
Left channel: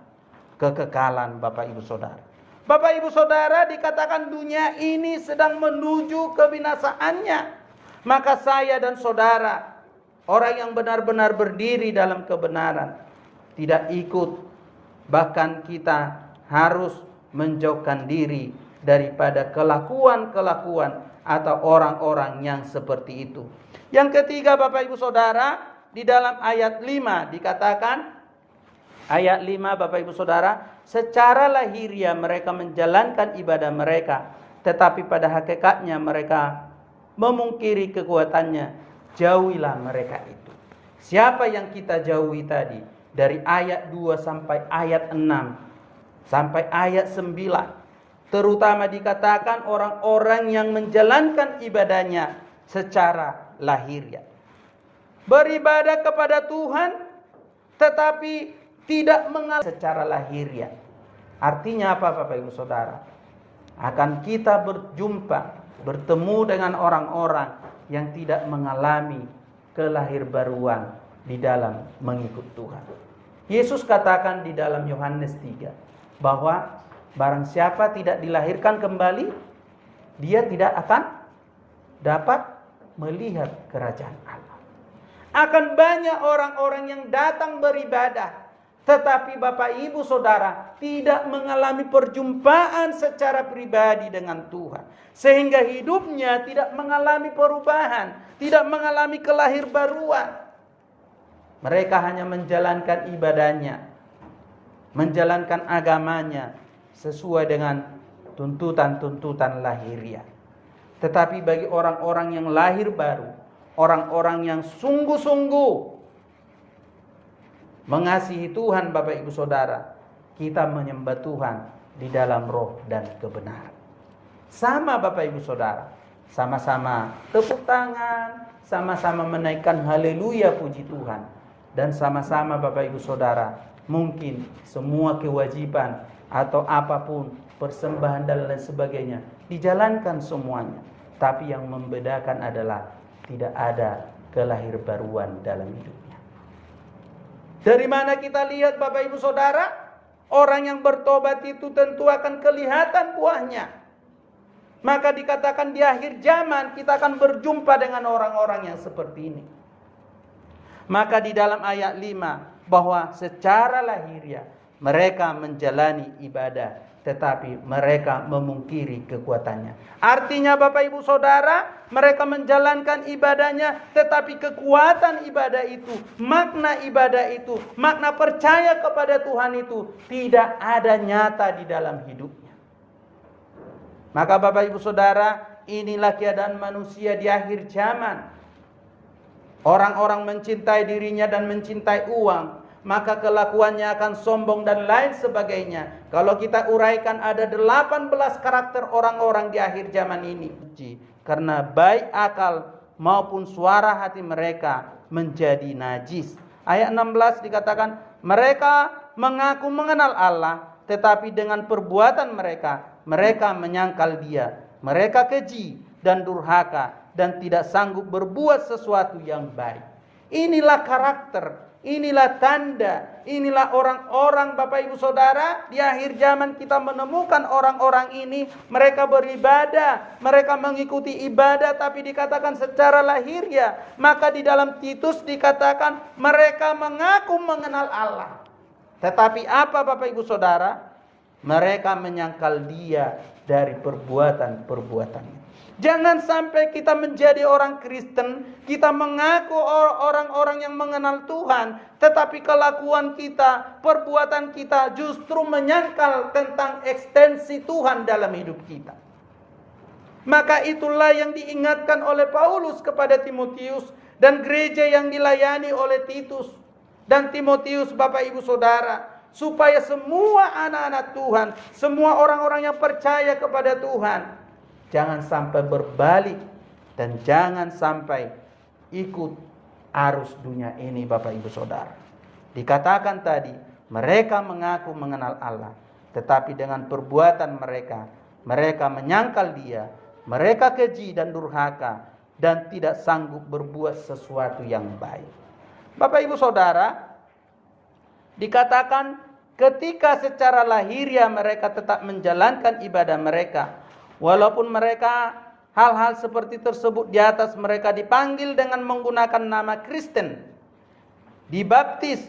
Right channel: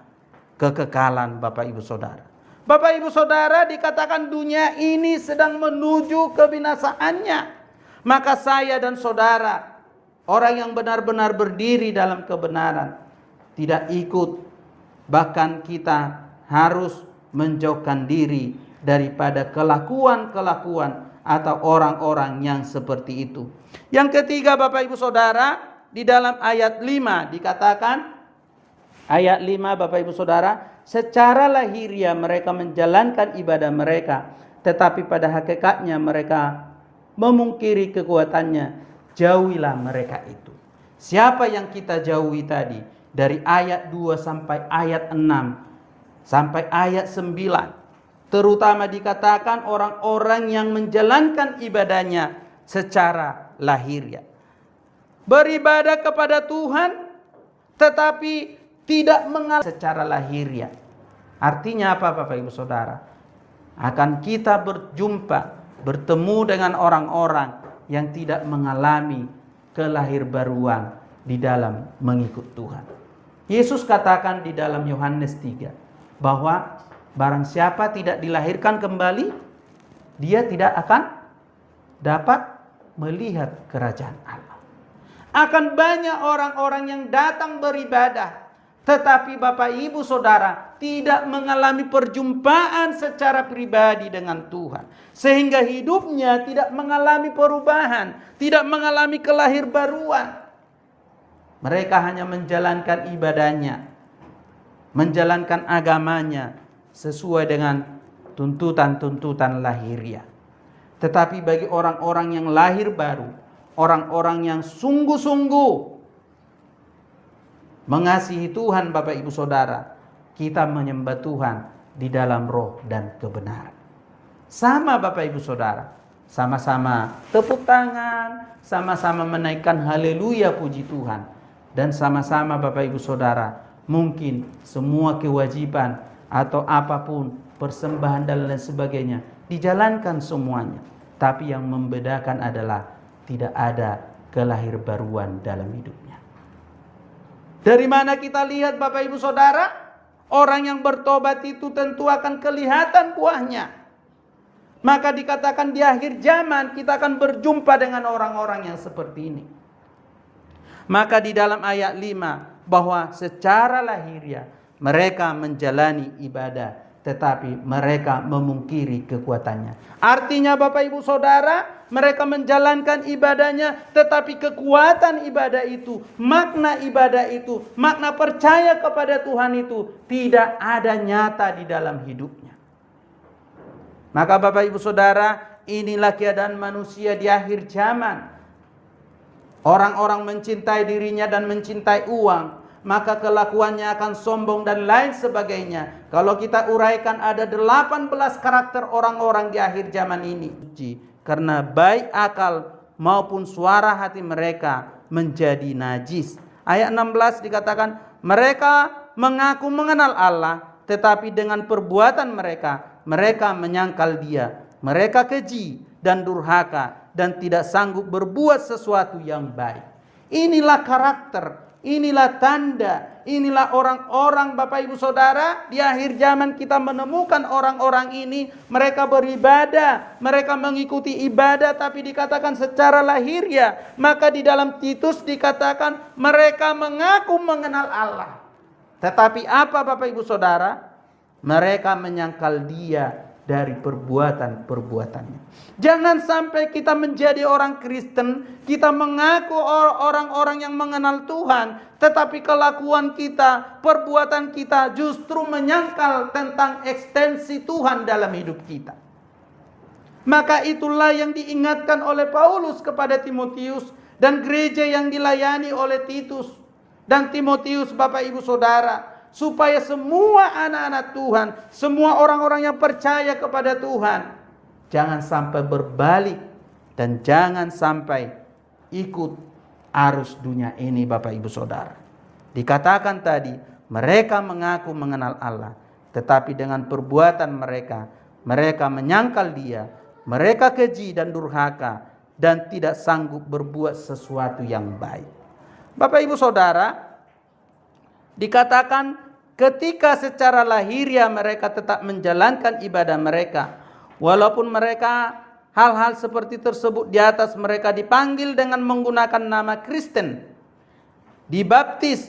kekekalan. Bapak Ibu Saudara, Bapak Ibu Saudara, dikatakan dunia ini sedang menuju kebinasaannya. Maka saya dan saudara, orang yang benar-benar berdiri dalam kebenaran, tidak ikut, bahkan kita harus menjauhkan diri daripada kelakuan-kelakuan atau orang-orang yang seperti itu. Yang ketiga, Bapak Ibu Saudara, di dalam ayat 5 dikatakan, ayat 5 Bapak Ibu Saudara, secara lahiriah mereka menjalankan ibadah mereka, tetapi pada hakikatnya mereka memungkiri kekuatannya. Jauhilah mereka itu. Siapa yang kita jauhi tadi? Dari ayat 2 sampai ayat 6 sampai ayat 9. Terutama dikatakan orang-orang yang menjalankan ibadahnya secara lahiriah. Beribadah kepada Tuhan tetapi tidak mengalami secara lahiriah. Artinya apa Bapak Ibu Saudara? Akan kita bertemu dengan orang-orang yang tidak mengalami kelahirbaruan di dalam mengikut Tuhan. Yesus katakan di dalam Yohanes 3 bahwa barang siapa tidak dilahirkan kembali, dia tidak akan dapat melihat kerajaan Allah. Akan banyak orang-orang yang datang beribadah, tetapi Bapak Ibu Saudara tidak mengalami perjumpaan secara pribadi dengan Tuhan. Sehingga hidupnya tidak mengalami perubahan, tidak mengalami kelahirbaruan. Mereka hanya menjalankan ibadahnya, menjalankan agamanya sesuai dengan tuntutan-tuntutan lahiriah. Tetapi bagi orang-orang yang lahir baru, orang-orang yang sungguh-sungguh mengasihi Tuhan, Bapak Ibu Saudara, kita menyembah Tuhan di dalam roh dan kebenaran. Sama Bapak Ibu Saudara, sama-sama tepuk tangan, sama-sama menaikkan haleluya puji Tuhan, dan sama-sama Bapak Ibu Saudara, mungkin semua kewajiban atau apapun, persembahan dan lain sebagainya dijalankan semuanya, tapi yang membedakan adalah tidak ada kelahirbaruan dalam hidupnya. Dari mana kita lihat Bapak Ibu Saudara? Orang yang bertobat itu tentu akan kelihatan buahnya. Maka dikatakan di akhir zaman kita akan berjumpa dengan orang-orang yang seperti ini. Maka di dalam ayat 5 bahwa secara lahiriah mereka menjalani ibadah, tetapi mereka memungkiri kekuatannya. Artinya Bapak Ibu Saudara, mereka menjalankan ibadahnya, tetapi kekuatan ibadah itu, makna ibadah itu, makna percaya kepada Tuhan itu tidak ada nyata di dalam hidupnya. Maka Bapak Ibu Saudara, inilah keadaan manusia di akhir zaman. Orang-orang mencintai dirinya dan mencintai uang, maka kelakuannya akan sombong dan lain sebagainya. Kalau kita uraikan ada 18 karakter orang-orang di akhir zaman ini. Karena baik akal maupun suara hati mereka menjadi najis. Ayat 16 dikatakan, mereka mengaku mengenal Allah, tetapi dengan perbuatan mereka menyangkal Dia. Mereka keji dan durhaka dan tidak sanggup berbuat sesuatu yang baik. Inilah karakter, inilah tanda, inilah orang-orang Bapak Ibu Saudara. Di akhir zaman kita menemukan orang-orang ini. Mereka beribadah, mereka mengikuti ibadah, tapi dikatakan secara lahiriah. Maka di dalam Titus dikatakan mereka mengaku mengenal Allah, tetapi apa Bapak Ibu Saudara? Mereka menyangkal Dia dari perbuatan-perbuatannya. Jangan sampai kita menjadi orang Kristen, kita mengaku orang-orang yang mengenal Tuhan, tetapi kelakuan kita, perbuatan kita justru menyangkal tentang ekstensi Tuhan dalam hidup kita. Maka itulah yang diingatkan oleh Paulus kepada Timotius dan gereja yang dilayani oleh Titus dan Timotius, Bapak Ibu Saudara, supaya semua anak-anak Tuhan, semua orang-orang yang percaya kepada Tuhan, jangan sampai berbalik dan jangan sampai ikut arus dunia ini, Bapak Ibu Saudara. Dikatakan tadi, mereka mengaku mengenal Allah, tetapi dengan perbuatan mereka menyangkal Dia Mereka keji dan durhaka dan tidak sanggup berbuat sesuatu yang baik. Bapak Ibu Saudara, dikatakan ketika secara lahiriah mereka tetap menjalankan ibadah mereka, walaupun mereka hal-hal seperti tersebut di atas mereka dipanggil dengan menggunakan nama Kristen, dibaptis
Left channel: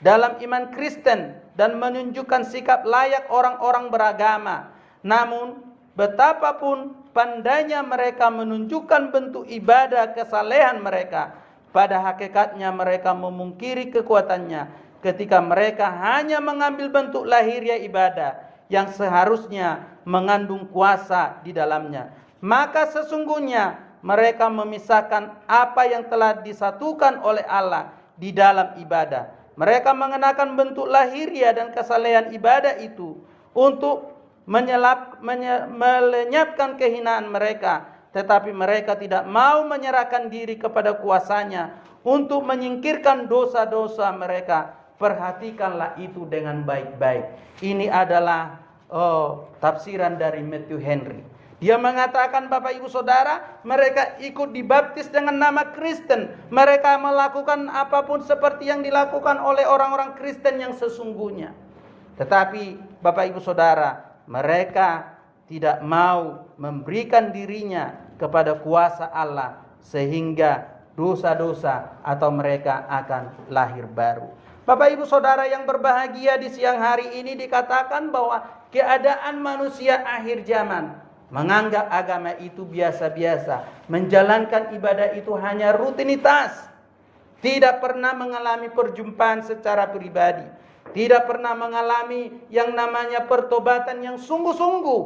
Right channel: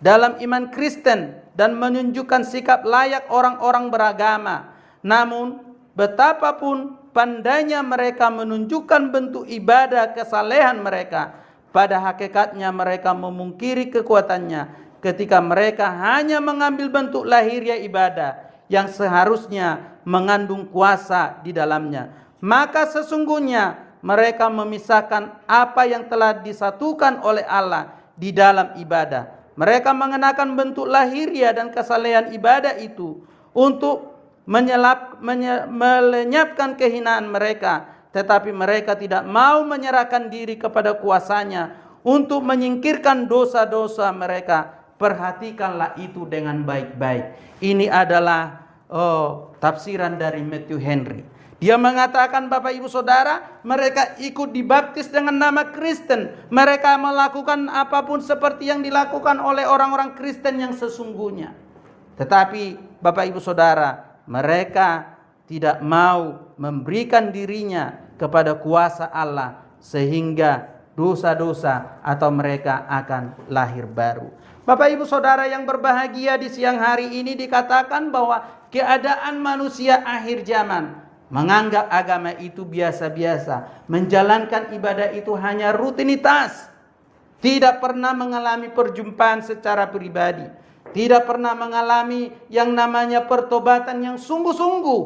dalam iman Kristen dan menunjukkan sikap layak orang-orang beragama. Namun betapapun pandainya mereka menunjukkan bentuk ibadah kesalehan mereka, pada hakikatnya mereka memungkiri kekuatannya ketika mereka hanya mengambil bentuk lahiriah ibadah yang seharusnya mengandung kuasa di dalamnya. Maka sesungguhnya mereka memisahkan apa yang telah disatukan oleh Allah di dalam ibadah. Mereka mengenakan bentuk lahiriah dan kesalehan ibadah itu untuk melenyapkan kehinaan mereka, tetapi mereka tidak mau menyerahkan diri kepada kuasanya untuk menyingkirkan dosa-dosa mereka. Perhatikanlah itu dengan baik-baik. Ini adalah tafsiran dari Matthew Henry. Dia mengatakan, Bapak Ibu Saudara, mereka ikut dibaptis dengan nama Kristen. Mereka melakukan apapun seperti yang dilakukan oleh orang-orang Kristen yang sesungguhnya. Tetapi Bapak Ibu Saudara, mereka tidak mau memberikan dirinya kepada kuasa Allah, sehingga dosa-dosa atau mereka akan lahir baru. Bapak Ibu Saudara yang berbahagia, di siang hari ini dikatakan bahwa keadaan manusia akhir zaman menganggap agama itu biasa-biasa, menjalankan ibadah itu hanya rutinitas, tidak pernah mengalami perjumpaan secara pribadi, tidak pernah mengalami yang namanya pertobatan yang sungguh-sungguh.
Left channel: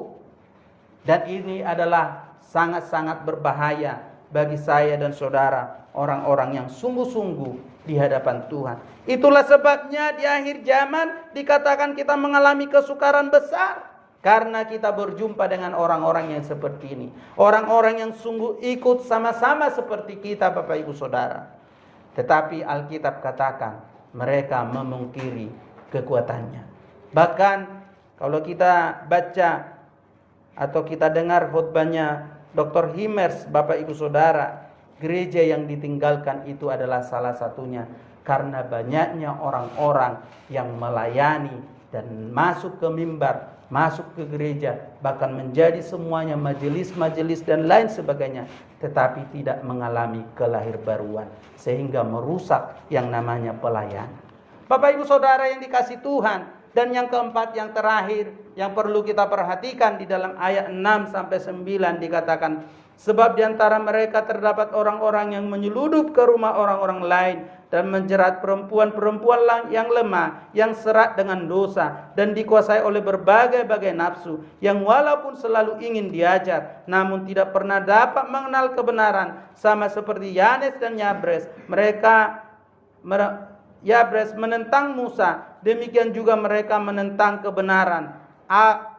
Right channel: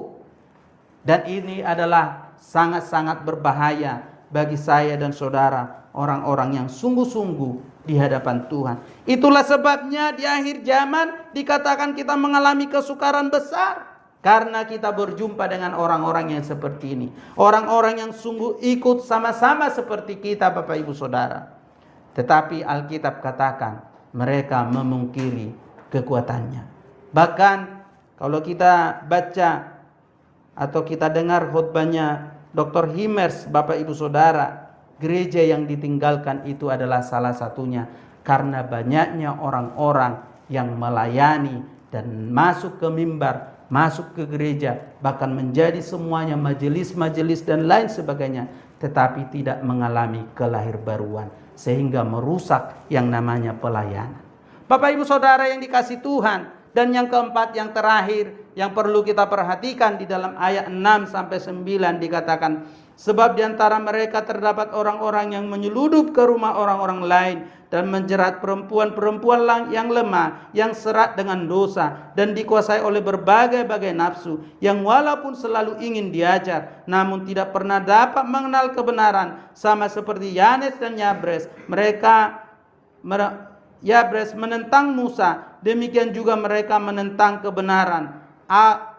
Dan ini adalah sangat-sangat berbahaya bagi saya dan saudara, orang-orang yang sungguh-sungguh di hadapan Tuhan. Itulah sebabnya di akhir zaman dikatakan kita mengalami kesukaran besar, karena kita berjumpa dengan orang-orang yang seperti ini. Orang-orang yang sungguh ikut sama-sama seperti kita, Bapak Ibu Saudara. Tetapi Alkitab katakan mereka memungkiri kekuatannya. Bahkan kalau kita baca atau kita dengar khotbahnya Dr. Himmers, Bapak Ibu Saudara, gereja yang ditinggalkan itu adalah salah satunya karena banyaknya orang-orang yang melayani dan masuk ke mimbar, masuk ke gereja, bahkan menjadi semuanya majelis-majelis dan lain sebagainya, tetapi tidak mengalami kelahirbaruan, sehingga merusak yang namanya pelayanan. Bapak Ibu Saudara yang dikasihi Tuhan, dan yang keempat, yang terakhir yang perlu kita perhatikan di dalam ayat 6-9 dikatakan, sebab di antara mereka terdapat orang-orang yang menyeludup ke rumah orang-orang lain dan menjerat perempuan-perempuan yang lemah, yang serak dengan dosa dan dikuasai oleh berbagai-bagai nafsu, yang walaupun selalu ingin diajar namun tidak pernah dapat mengenal kebenaran, sama seperti Yanes dan Yabres. Yabres menentang Musa, demikian juga mereka menentang kebenaran.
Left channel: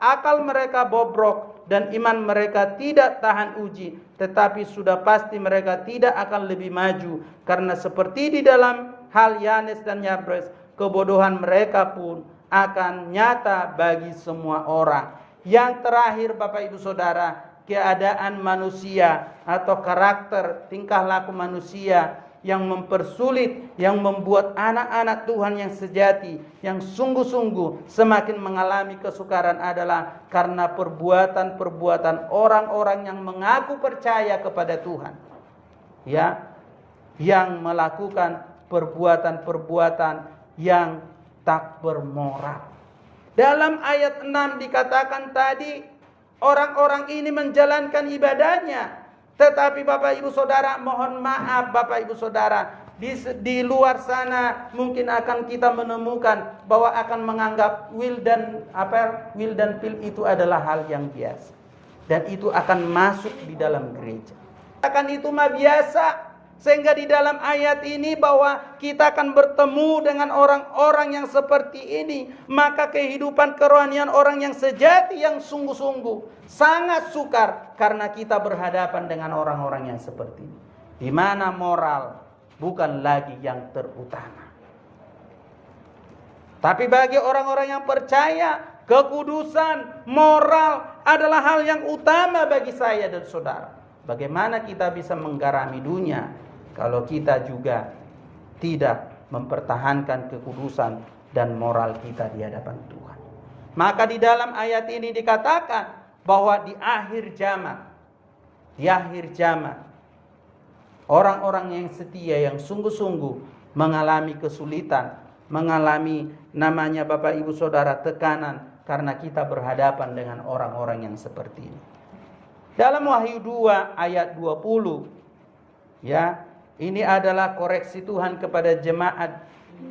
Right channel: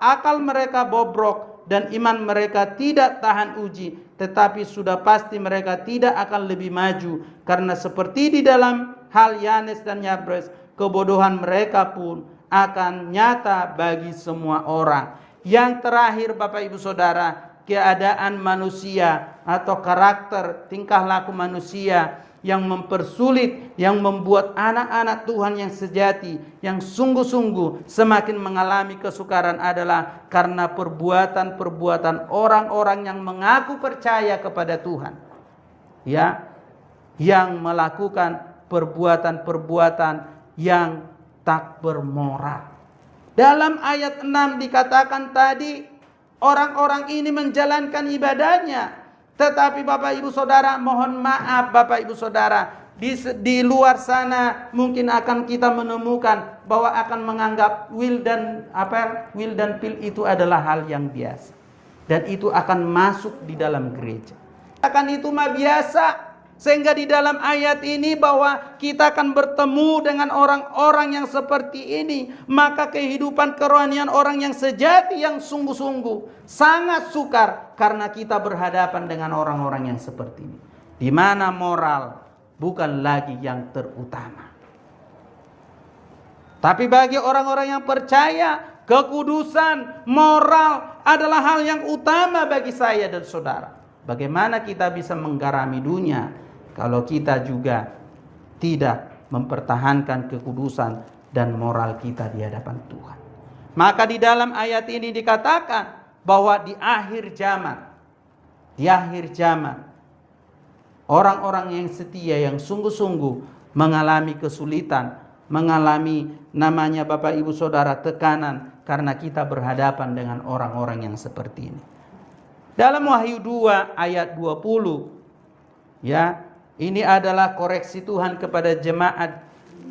Akal mereka bobrok dan iman mereka tidak tahan uji, tetapi sudah pasti mereka tidak akan lebih maju, karena seperti di dalam hal Yanes dan Yabres, kebodohan mereka pun akan nyata bagi semua orang. Yang terakhir, Bapak Ibu Saudara, keadaan manusia atau karakter tingkah laku manusia yang mempersulit, yang membuat anak-anak Tuhan yang sejati, yang sungguh-sungguh semakin mengalami kesukaran adalah karena perbuatan-perbuatan orang-orang yang mengaku percaya kepada Tuhan, ya, yang melakukan perbuatan-perbuatan yang tak bermoral. Dalam ayat 6 dikatakan tadi, orang-orang ini menjalankan ibadahnya. Tetapi Bapak Ibu Saudara, mohon maaf Bapak Ibu Saudara, di luar sana mungkin akan kita menemukan bahwa akan menganggap will dan pill itu adalah hal yang biasa, dan itu akan masuk di dalam gereja. Akan itu mah biasa, sehingga di dalam ayat ini bahwa kita akan bertemu dengan orang-orang yang seperti ini, maka kehidupan kerohanian orang yang sejati, yang sungguh-sungguh sangat sukar, karena kita berhadapan dengan orang-orang yang seperti ini, di mana moral bukan lagi yang terutama. Tapi bagi orang-orang yang percaya, kekudusan, moral adalah hal yang utama bagi saya dan saudara. Bagaimana kita bisa menggarami dunia kalau kita juga tidak mempertahankan kekudusan dan moral kita di hadapan Tuhan. Maka di dalam ayat ini dikatakan bahwa di akhir zaman, orang-orang yang setia, yang sungguh-sungguh mengalami kesulitan, mengalami namanya Bapak Ibu Saudara tekanan, karena kita berhadapan dengan orang-orang yang seperti ini. Dalam Wahyu 2 ayat 20, ya, ini adalah koreksi Tuhan kepada jemaat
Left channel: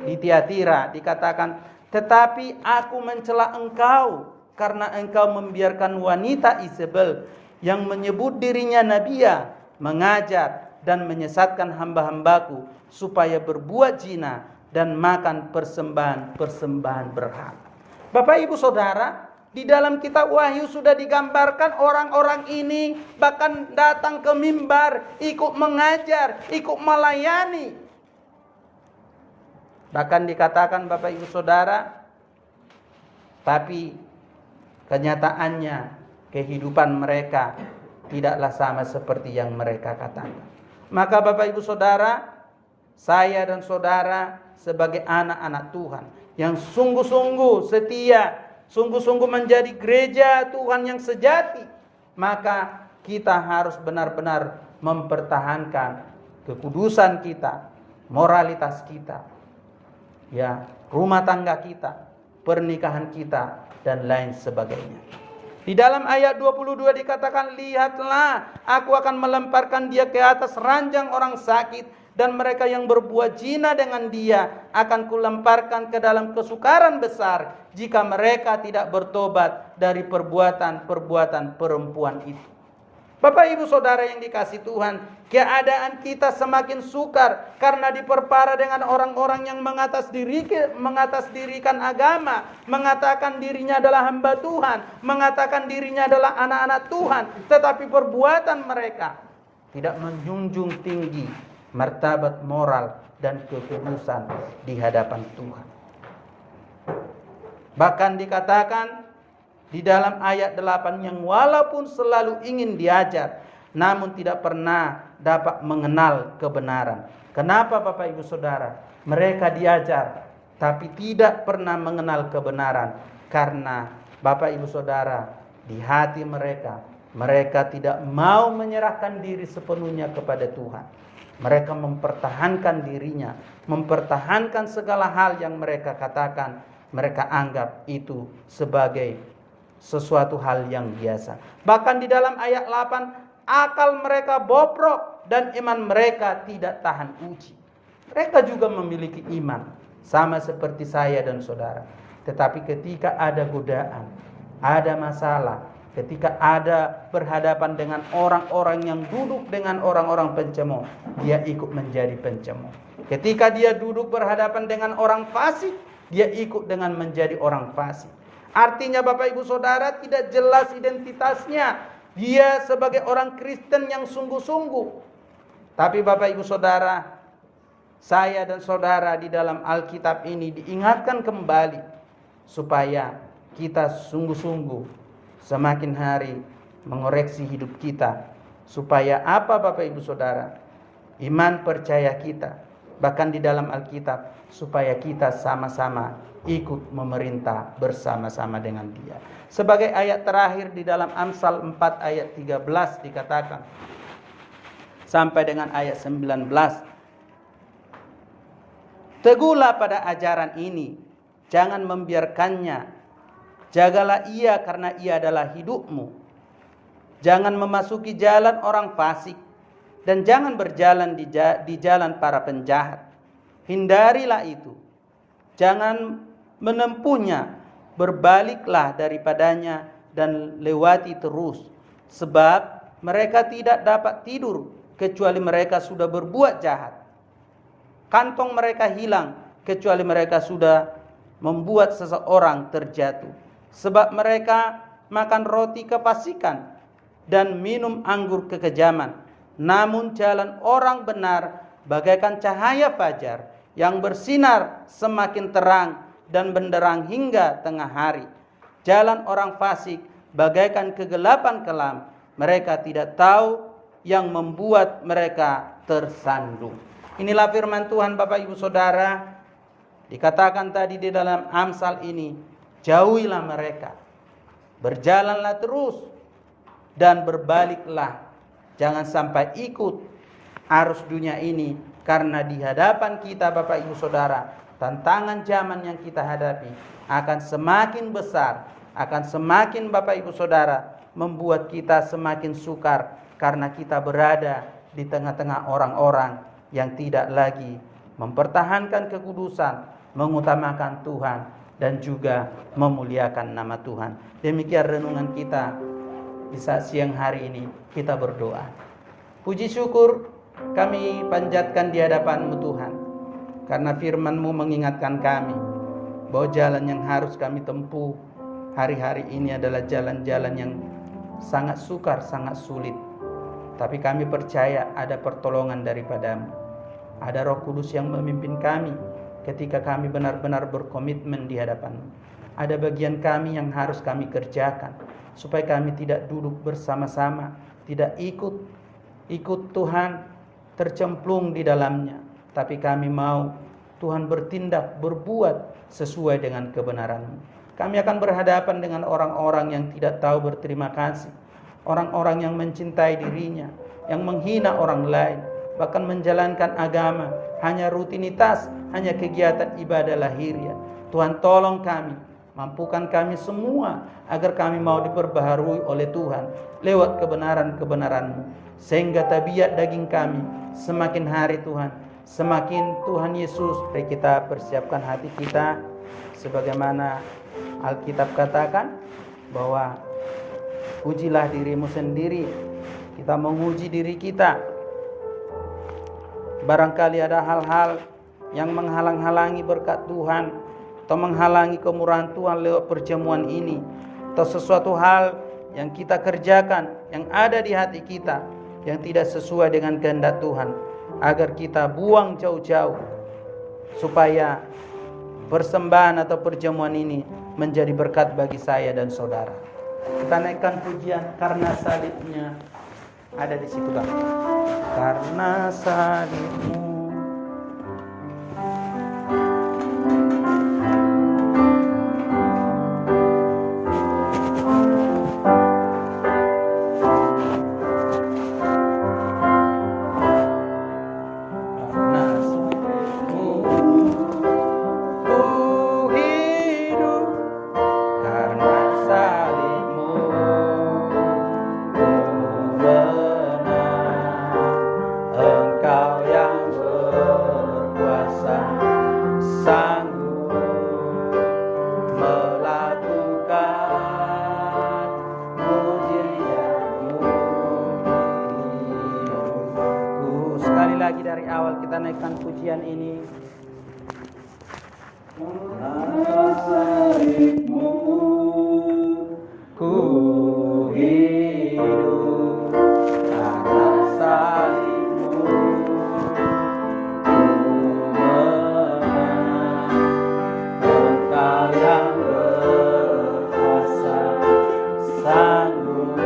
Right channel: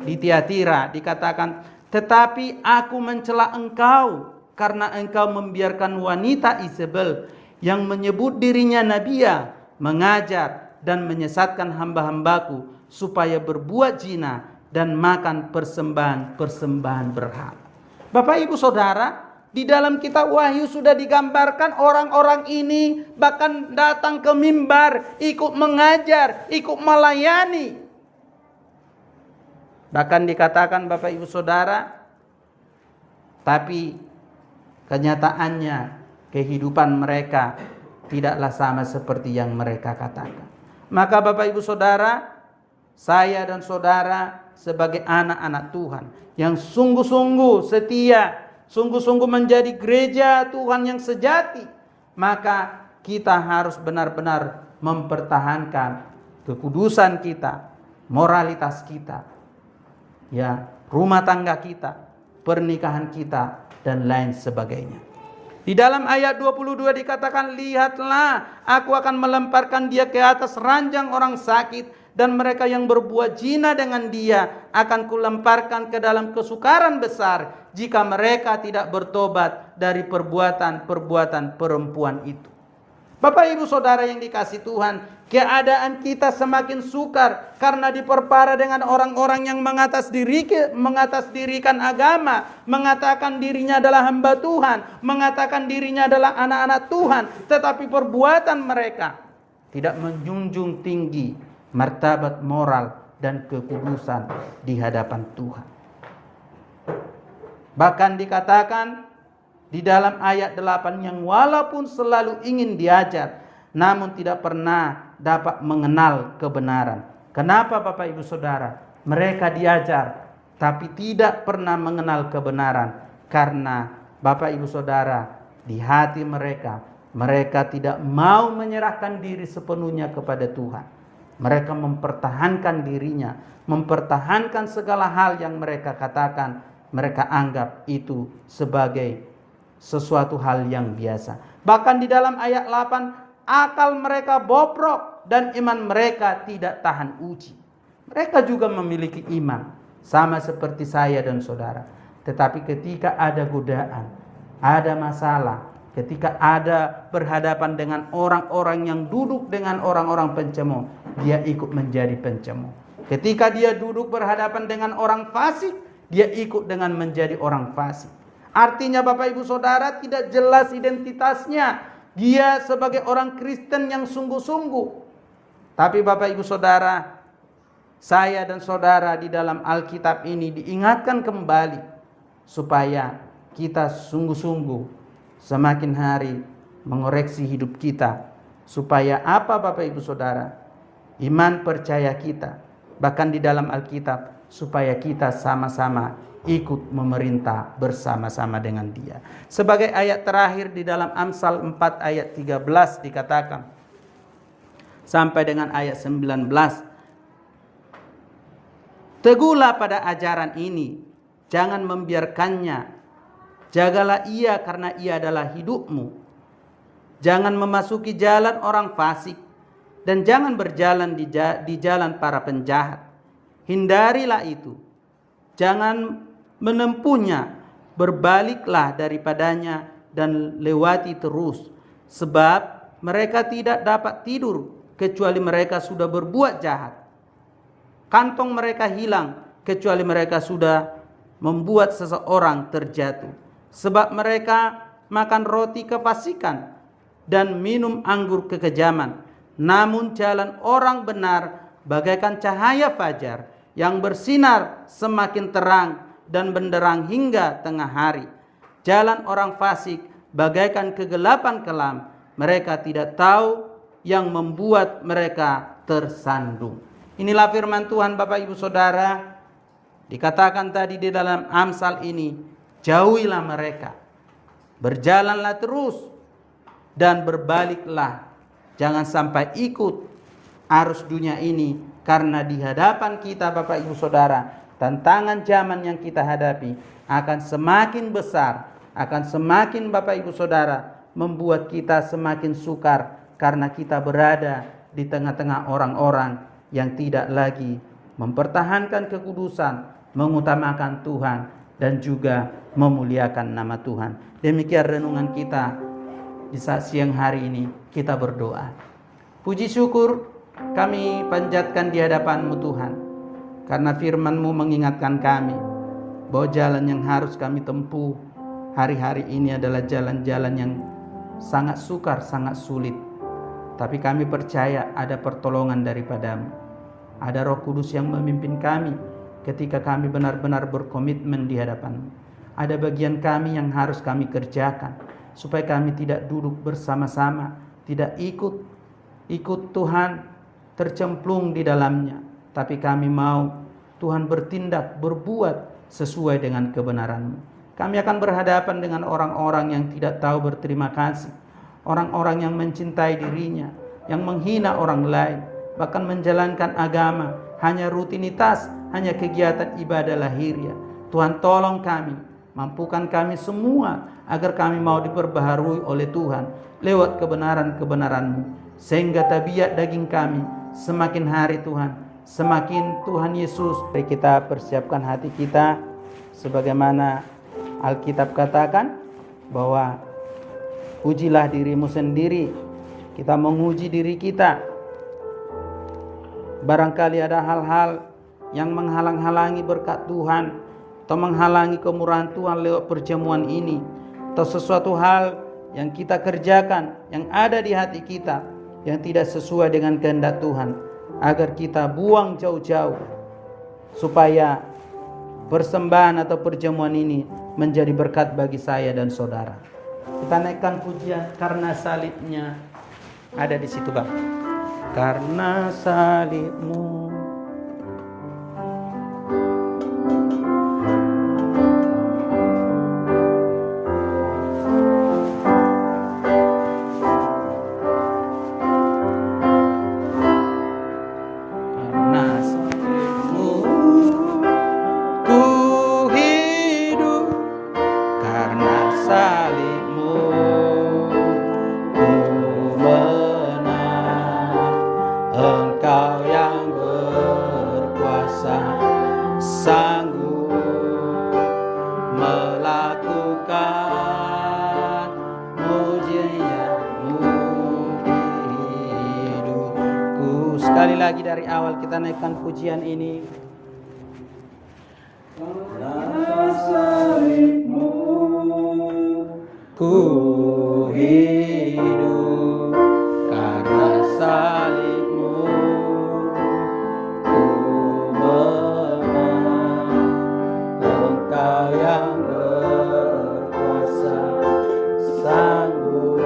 di Tiatira. Dikatakan, tetapi aku mencela engkau karena engkau membiarkan wanita Isabel yang menyebut dirinya nabiya mengajar dan menyesatkan hamba-hambaku supaya berbuat zina dan makan persembahan berhala. Bapak Ibu Saudara, di dalam kitab Wahyu sudah digambarkan orang-orang ini bahkan datang ke mimbar, ikut mengajar, ikut melayani. Bahkan dikatakan Bapak Ibu Saudara, tapi kenyataannya kehidupan mereka tidaklah sama seperti yang mereka katakan. Maka Bapak Ibu Saudara, saya dan saudara sebagai anak-anak Tuhan yang sungguh-sungguh setia, sungguh-sungguh menjadi gereja Tuhan yang sejati, maka kita harus benar-benar mempertahankan kekudusan kita, moralitas kita, ya, rumah tangga kita, pernikahan kita, dan lain sebagainya. Di dalam ayat 22 dikatakan, lihatlah, aku akan melemparkan dia ke atas ranjang orang sakit, dan mereka yang berbuat zina dengan dia akan kulemparkan ke dalam kesukaran besar jika mereka tidak bertobat dari perbuatan-perbuatan perempuan itu. Bapak Ibu Saudara yang dikasih Tuhan, keadaan kita semakin sukar karena diperparah dengan orang-orang yang mengatasdirikan agama, mengatakan dirinya adalah hamba Tuhan, mengatakan dirinya adalah anak-anak Tuhan, tetapi perbuatan mereka tidak menjunjung tinggi martabat moral dan kekudusan di hadapan Tuhan. Bahkan dikatakan di dalam ayat 8 yang walaupun selalu ingin diajar, namun tidak pernah dapat mengenal kebenaran. Kenapa Bapak Ibu Saudara? Mereka diajar tapi tidak pernah mengenal kebenaran. Karena Bapak Ibu Saudara, di hati mereka tidak mau menyerahkan diri sepenuhnya kepada Tuhan. Mereka mempertahankan dirinya, mempertahankan segala hal yang mereka katakan, mereka anggap itu sebagai sesuatu hal yang biasa. Bahkan di dalam ayat 8, akal mereka bobrok dan iman mereka tidak tahan uji. Mereka juga memiliki iman, sama seperti saya dan saudara. Tetapi ketika ada godaan, ada masalah, ketika ada berhadapan dengan orang-orang yang duduk dengan orang-orang pencemooh, dia ikut menjadi pencemooh. Ketika dia duduk berhadapan dengan orang fasik, dia ikut dengan menjadi orang fasik. Artinya Bapak Ibu Saudara tidak jelas identitasnya. Dia sebagai orang Kristen yang sungguh-sungguh. Tapi Bapak Ibu Saudara, saya dan saudara di dalam Alkitab ini diingatkan kembali supaya kita sungguh-sungguh semakin hari mengoreksi hidup kita, supaya apa Bapak Ibu Saudara? Iman percaya kita, bahkan di dalam Alkitab, supaya kita sama-sama ikut memerintah bersama-sama dengan Dia. Sebagai ayat terakhir di dalam Amsal 4 ayat 13 dikatakan sampai dengan ayat 19, teguhlah pada ajaran ini, jangan membiarkannya. Jagalah ia karena ia adalah hidupmu. Jangan memasuki jalan orang fasik dan jangan berjalan di jalan para penjahat. Hindarilah itu. Jangan menempuhnya. Berbaliklah daripadanya dan lewati terus. Sebab mereka tidak dapat tidur kecuali mereka sudah berbuat jahat. Kantong mereka hilang kecuali mereka sudah membuat seseorang terjatuh. Sebab mereka makan roti kefasikan dan minum anggur kekejaman. Namun jalan orang benar bagaikan cahaya fajar yang bersinar semakin terang dan benderang hingga tengah hari. Jalan orang fasik bagaikan kegelapan kelam. Mereka tidak tahu yang membuat mereka tersandung. Inilah firman Tuhan Bapak Ibu Saudara. Dikatakan tadi di dalam Amsal ini, jauhilah mereka, berjalanlah terus dan berbaliklah. Jangan sampai ikut arus dunia ini, karena di hadapan kita Bapak Ibu Saudara, tantangan zaman yang kita hadapi akan semakin besar, akan semakin Bapak Ibu Saudara membuat kita semakin sukar, karena kita berada di tengah-tengah orang-orang yang tidak lagi mempertahankan kekudusan, mengutamakan Tuhan, dan juga memuliakan nama Tuhan. Demikian renungan kita di saat siang hari ini. Kita berdoa. Puji syukur kami panjatkan di hadapan-Mu Tuhan, karena firman-Mu mengingatkan kami bahwa jalan yang harus kami tempuh hari-hari ini adalah jalan-jalan yang sangat sukar, sangat sulit. Tapi kami percaya ada pertolongan daripada-Mu. Ada Roh Kudus yang memimpin kami ketika kami benar-benar berkomitmen di hadapan-Mu. Ada bagian kami yang harus kami kerjakan, supaya kami tidak duduk bersama-sama, tidak ikut Tuhan tercemplung di dalamnya. Tapi kami mau Tuhan bertindak, berbuat sesuai dengan kebenaran-Mu. Kami akan berhadapan dengan orang-orang yang tidak tahu berterima kasih, orang-orang yang mencintai dirinya, yang menghina orang lain, bahkan menjalankan agama hanya rutinitas, hanya kegiatan ibadah lahiriah. Tuhan tolong kami, mampukan kami semua agar kami mau diperbaharui oleh Tuhan lewat kebenaran-kebenaran-Mu, sehingga tabiat daging kami semakin hari Tuhan, semakin Tuhan Yesus. Mari kita persiapkan hati kita sebagaimana Alkitab katakan bahwa ujilah dirimu sendiri. Kita menguji diri kita. Barangkali ada hal-hal yang menghalang-halangi berkat Tuhan, atau menghalangi kemurahan Tuhan lewat perjamuan ini, atau sesuatu hal yang kita kerjakan yang ada di hati kita yang tidak sesuai dengan kehendak Tuhan, agar kita buang jauh-jauh, supaya persembahan atau perjamuan ini menjadi berkat bagi saya dan saudara. Kita naikkan pujian Karena Salibnya, ada di situ Bang. Karena salibmu, dari awal kita naikkan pujian ini. Karena salibmu ku hidup, karena salibmu ku menang, Engkau yang berkuasa sanggup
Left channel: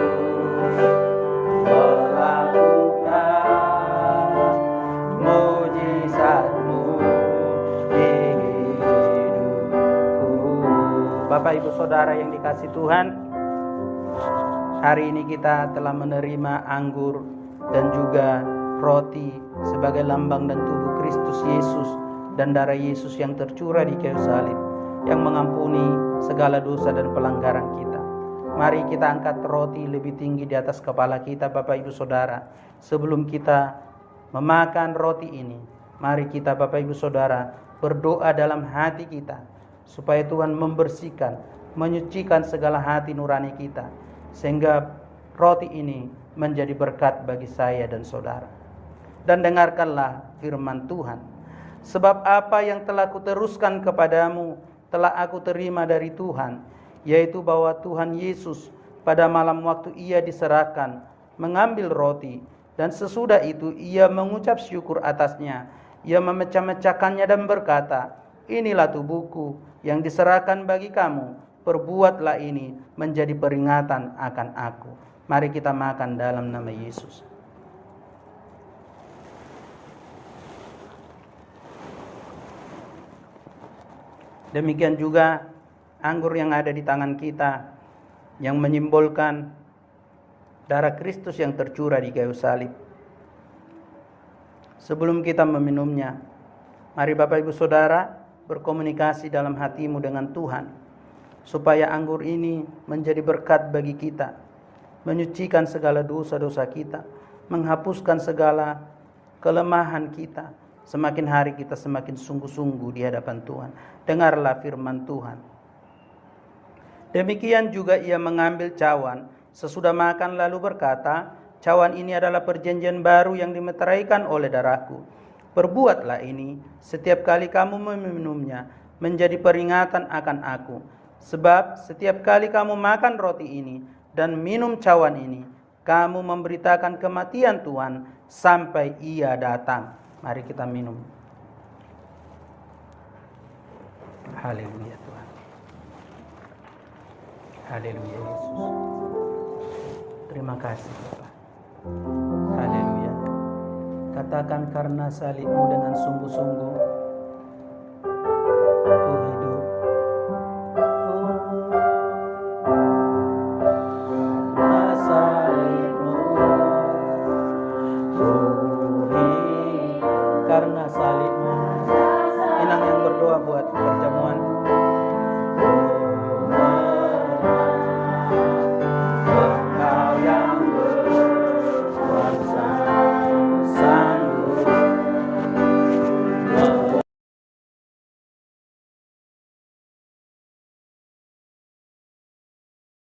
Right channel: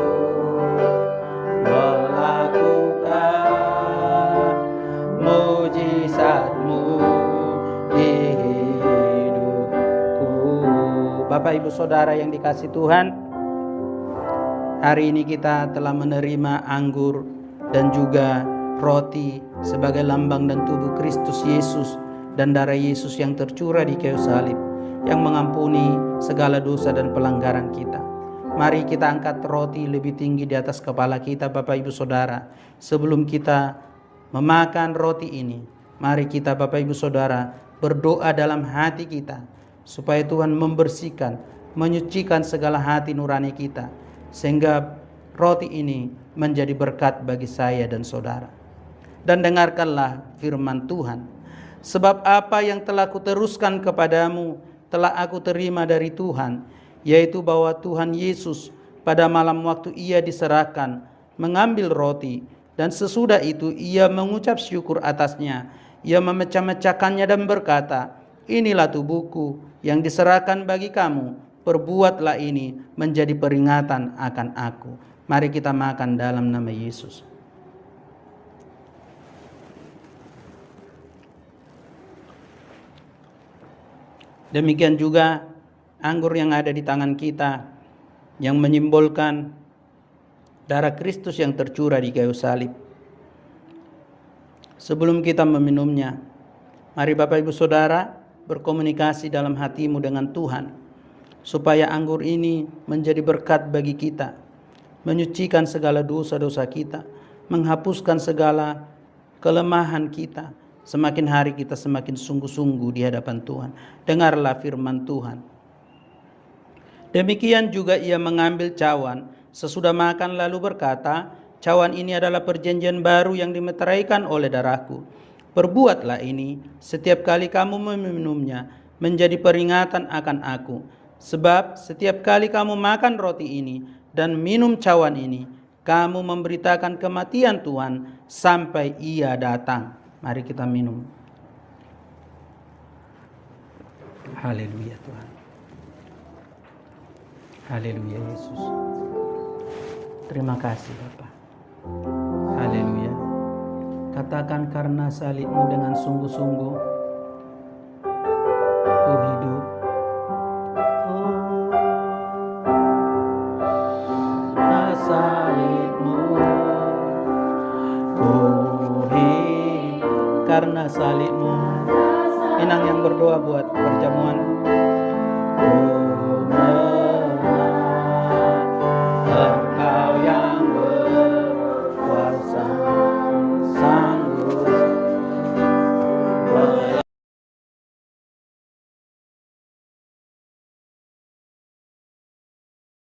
Bapak Ibu Saudara yang dikasihi Tuhan, hari ini kita telah menerima anggur dan juga roti sebagai lambang dan tubuh Kristus Yesus dan darah Yesus yang tercurah di kayu salib yang mengampuni segala dosa dan pelanggaran kita. Mari kita angkat roti lebih tinggi di atas kepala kita Bapak Ibu Saudara. Sebelum kita memakan roti ini, mari kita Bapak Ibu Saudara berdoa dalam hati kita, supaya Tuhan membersihkan, menyucikan segala hati nurani kita, sehingga roti ini menjadi berkat bagi saya dan saudara. Dan dengarkanlah firman Tuhan. Sebab apa yang telah kuteruskan kepadamu telah aku terima dari Tuhan, yaitu bahwa Tuhan Yesus pada malam waktu ia diserahkan mengambil roti, dan sesudah itu ia mengucap syukur atasnya. Ia memecah-mecahkannya dan berkata, inilah tubuhku yang diserahkan bagi kamu, perbuatlah ini menjadi peringatan akan aku. Mari kita makan dalam nama Yesus. Demikian juga anggur yang ada di tangan kita yang menyimbolkan darah Kristus yang tercurah di kayu salib. Sebelum kita meminumnya, mari Bapak Ibu Saudara berkomunikasi dalam hatimu dengan Tuhan, supaya anggur ini menjadi berkat bagi kita, menyucikan segala dosa-dosa kita, menghapuskan segala kelemahan kita. Semakin hari kita semakin sungguh-sungguh di hadapan Tuhan. Dengarlah firman Tuhan. Demikian juga ia mengambil cawan sesudah makan lalu berkata, cawan ini adalah perjanjian baru yang dimeteraikan oleh darahku. Perbuatlah ini setiap kali kamu meminumnya menjadi peringatan akan aku. Sebab setiap kali kamu makan roti ini dan minum cawan ini, kamu memberitakan kematian Tuhan sampai ia datang. Mari kita minum. Haleluya Tuhan. Haleluya Yesus. Terima kasih Bapa. Haleluya. Katakan, karena salibmu dengan sungguh-sungguh ku hidup. Karena salibmu. Inang yang berdoa buat perjamuan